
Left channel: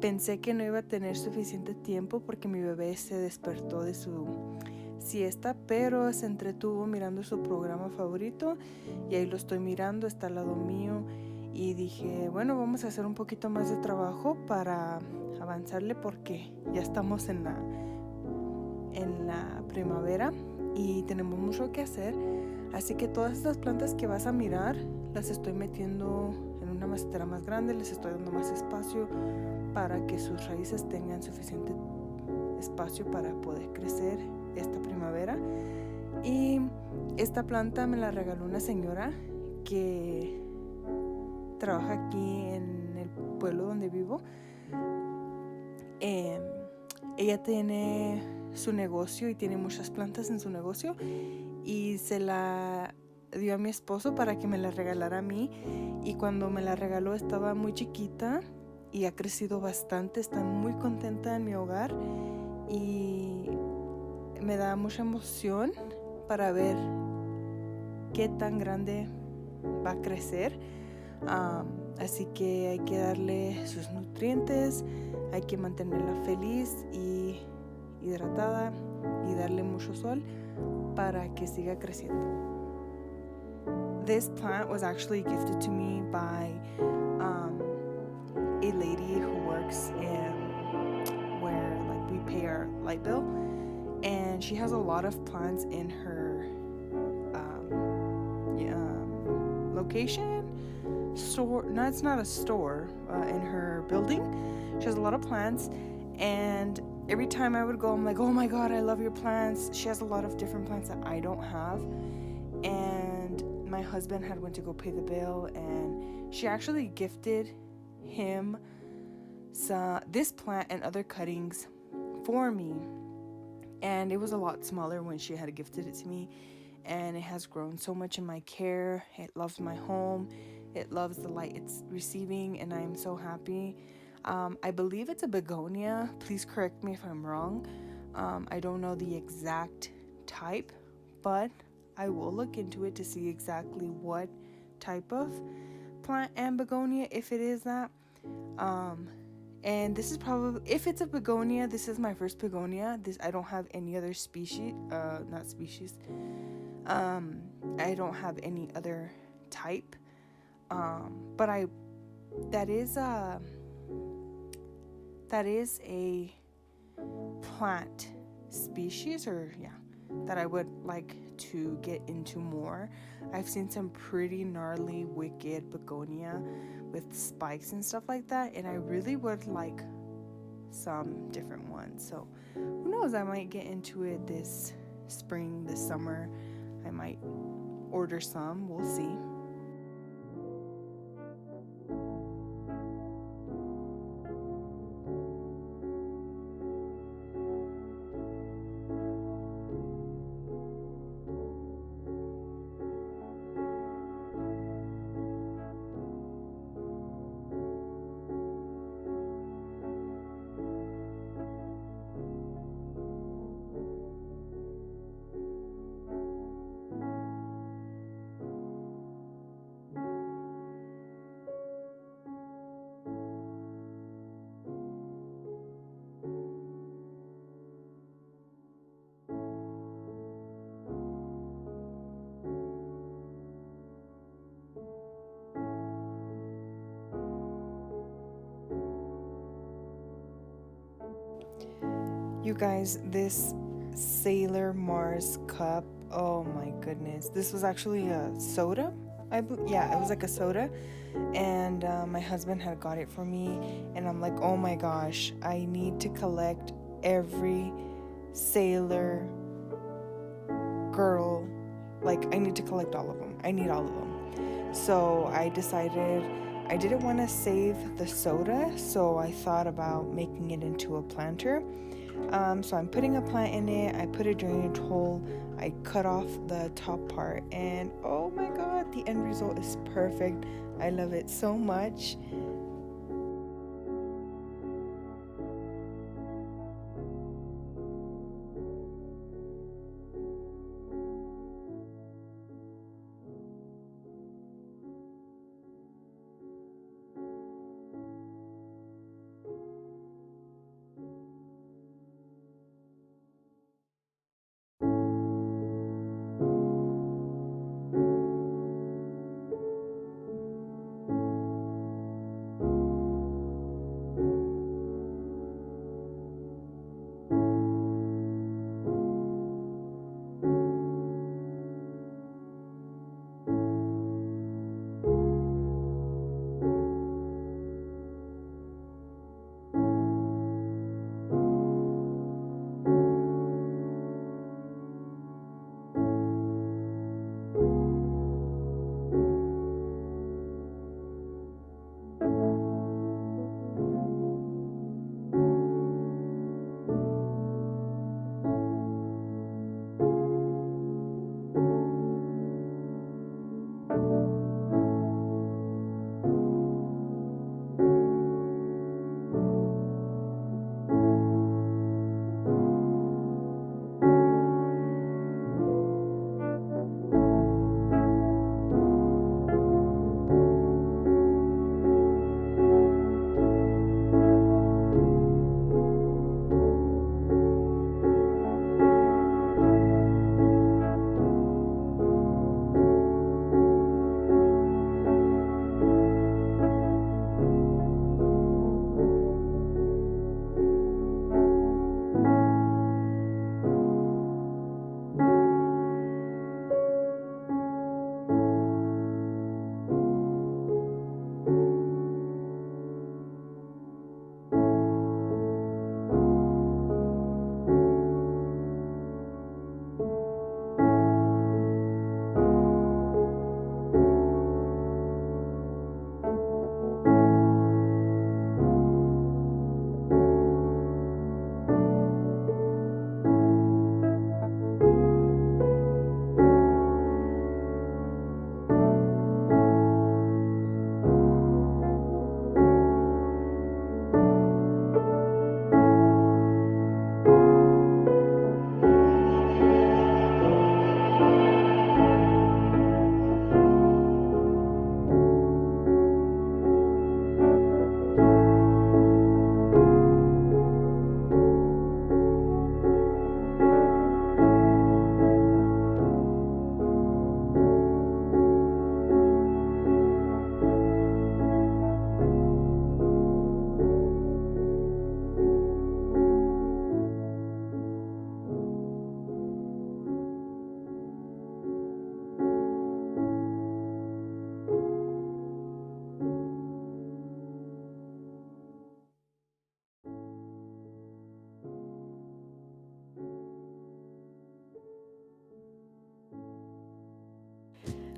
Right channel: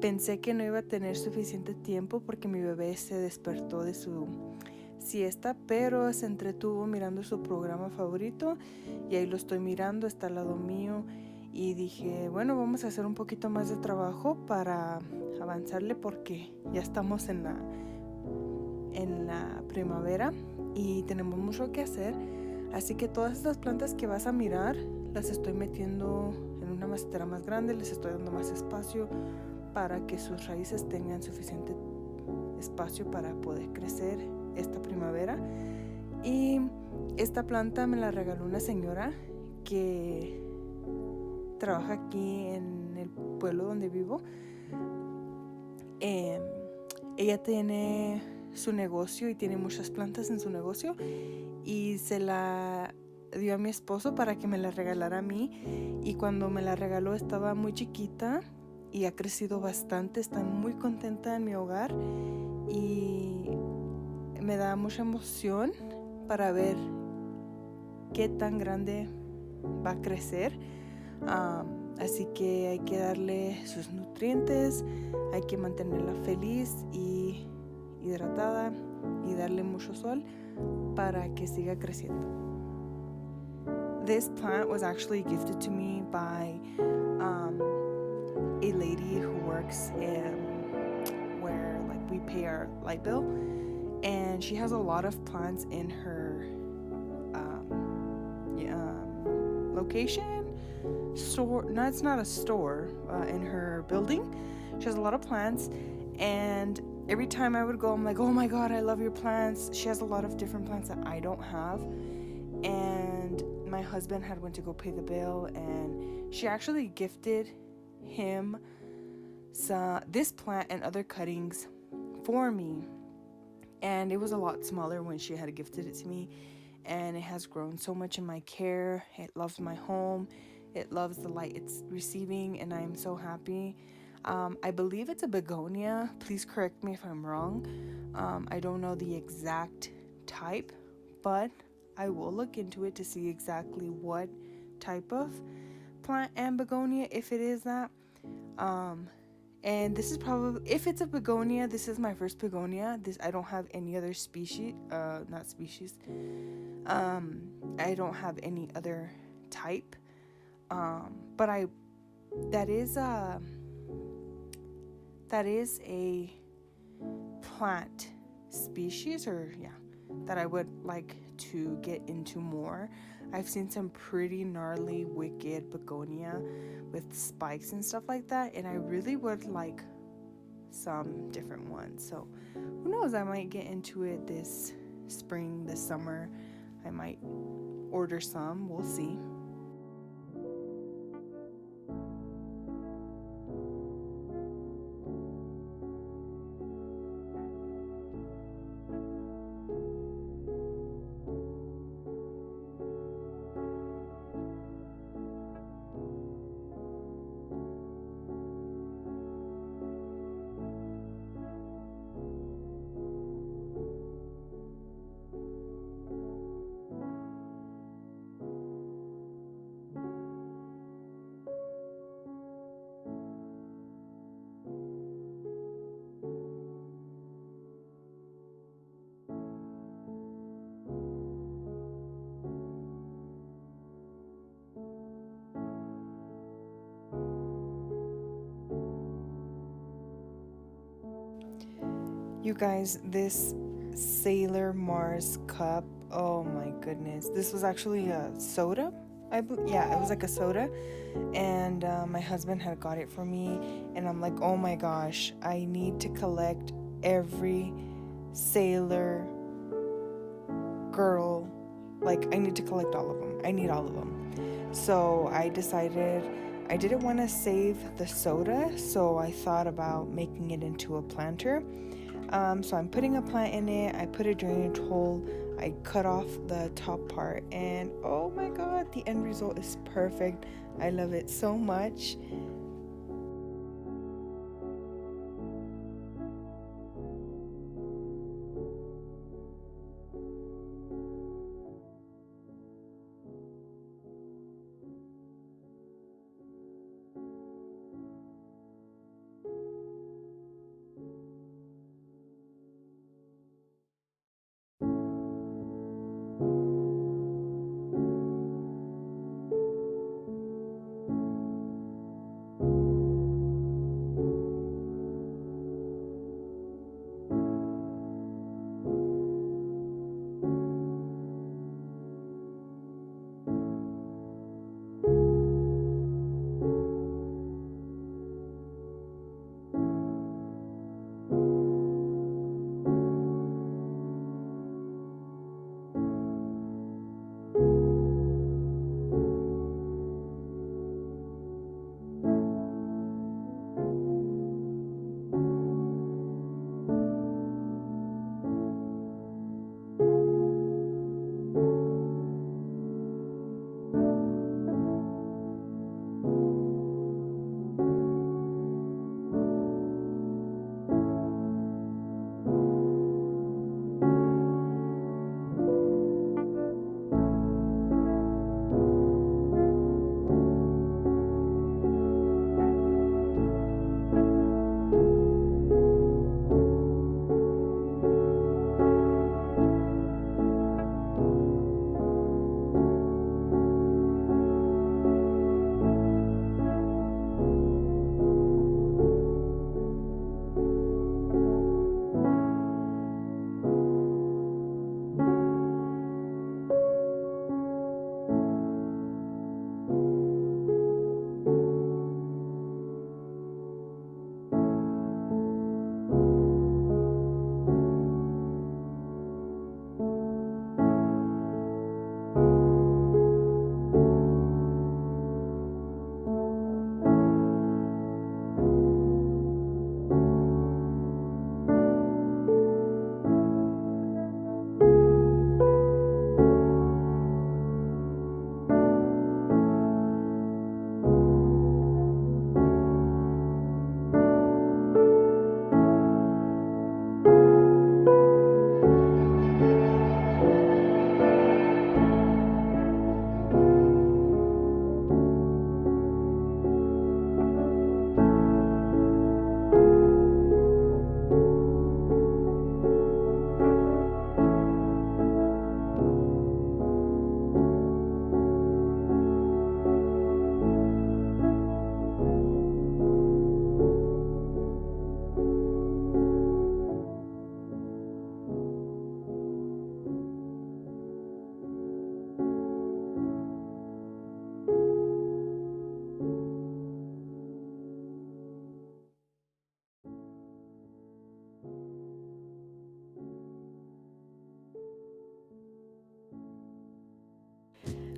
Pensé que no iba a tener suficiente tiempo porque mi bebé se despertó de su siesta, pero se entretuvo mirando su programa favorito y ahí lo estoy mirando, está al lado mío, y dije, bueno, vamos a hacer un poquito más de trabajo para avanzarle porque ya estamos en la primavera y tenemos mucho que hacer. Así que todas estas plantas que vas a mirar las estoy metiendo en una macetera más grande, les estoy dando más espacio para que sus raíces tengan suficiente espacio para poder crecer esta primavera. Y esta planta me la regaló una señora que trabaja aquí en el pueblo donde vivo. Ella tiene su negocio y tiene muchas plantas en su negocio y se la dio a mi esposo para que me la regalara a mí, y cuando me la regaló estaba muy chiquita y ha crecido bastante. Está muy contenta en mi hogar y me da mucha emoción para ver qué tan grande va a crecer. Así que hay que darle sus nutrientes, hay que mantenerla feliz y hidratada y darle mucho sol para que siga creciendo. This plant was actually gifted to me by a lady who works where like we pay our light bill, and she has a lot of plants in her location store. No, it's not a store. In her building, she has a lot of plants, and every time I would go, I'm like, oh my god, I love your plants. She has a lot of different plants that I don't have, and my husband had went to go pay the bill, and she actually gifted him this plant and other cuttings for me, and it was a lot smaller when she had gifted it to me, and it has grown so much in my care. It loves my home, it loves the light it's receiving, and I'm so happy. I believe it's a begonia. Please correct me if I'm wrong. I don't know the exact type, but I will look into it to see exactly what type of plant and begonia, if it is that. And this is probably, if it's a begonia, this is my first begonia. This, I don't have any other species, not species. I don't have any other type. But that is a that is a plant species, or yeah, that I would like to get into more. I've seen some pretty gnarly, wicked begonia with spikes and stuff like that, and I really would like some different ones. So who knows, I might get into it this spring, this summer. I might order some, we'll see. You guys, this Sailor Mars cup, oh my goodness. This was actually a soda. Yeah, it was like a soda. And my husband had got it for me. And I'm like, oh my gosh, I need to collect every Sailor girl. Like, I need to collect all of them. I need all of them. So I decided I didn't want to save the soda. So I thought about making it into a planter. So I'm putting a plant in it. I put a drainage hole. I cut off the top part, and oh my god, the end result is perfect. I love it so much.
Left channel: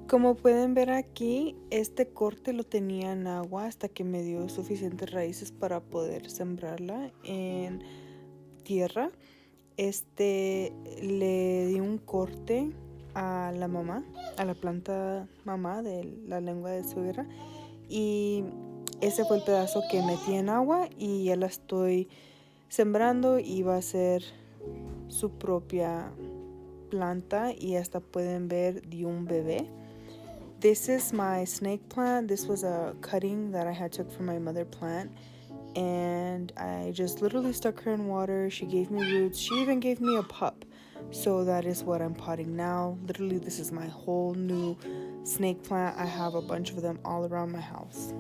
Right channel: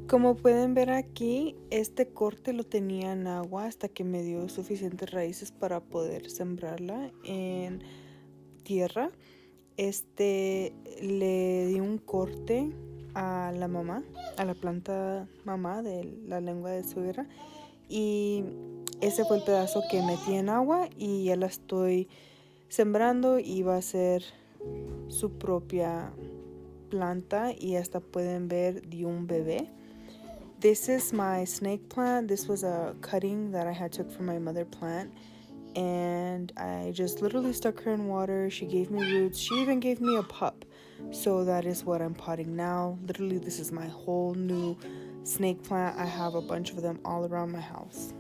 Como pueden ver aquí, este corte lo tenía en agua hasta que me dio suficientes raíces para poder sembrarla en tierra. Le di un corte a la mamá, a la planta mamá de la lengua de suegra, y ese fue el pedazo que metí en agua y ya la estoy sembrando y va a ser su propia planta y hasta pueden ver dio un bebé. This is my snake plant. This was a cutting that I had took from my mother plant, and I just literally stuck her in water. She gave me roots. She even gave me a pup. So that is what I'm potting now. Literally, this is my whole new snake plant. I have a bunch of them all around my house.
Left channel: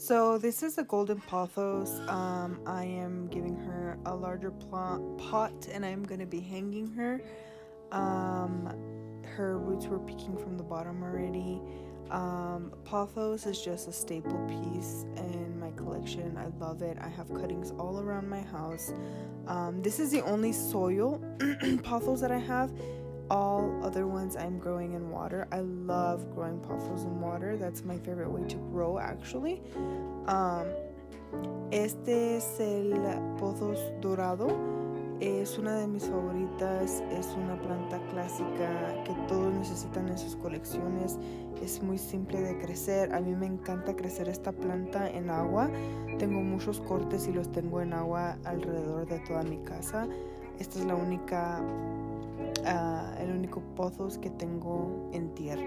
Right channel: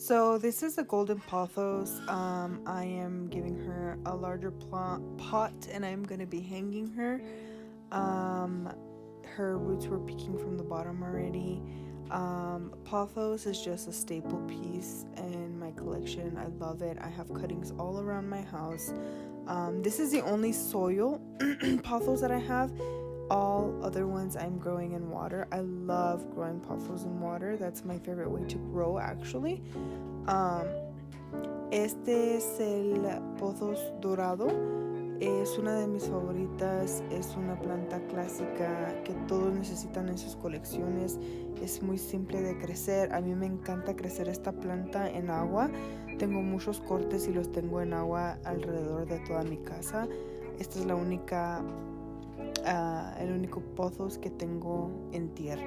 So this is a golden pothos. I am giving her a larger pot and I'm going to be hanging her. Her roots were peeking from the bottom already. Pothos is just a staple piece in my collection. I love it. I have cuttings all around my house. This is the only soil pothos that I have. All other ones I'm growing in water. I love growing pothos in water. That's my favorite way to grow, actually. Este es el pothos dorado. Es una de mis favoritas. Es una planta clásica que todos necesitan en sus colecciones. Es muy simple de crecer. A mí me encanta crecer esta planta en agua. Tengo muchos cortes y los tengo en agua alrededor de toda mi casa. Esta es el único pothos que tengo en tierra.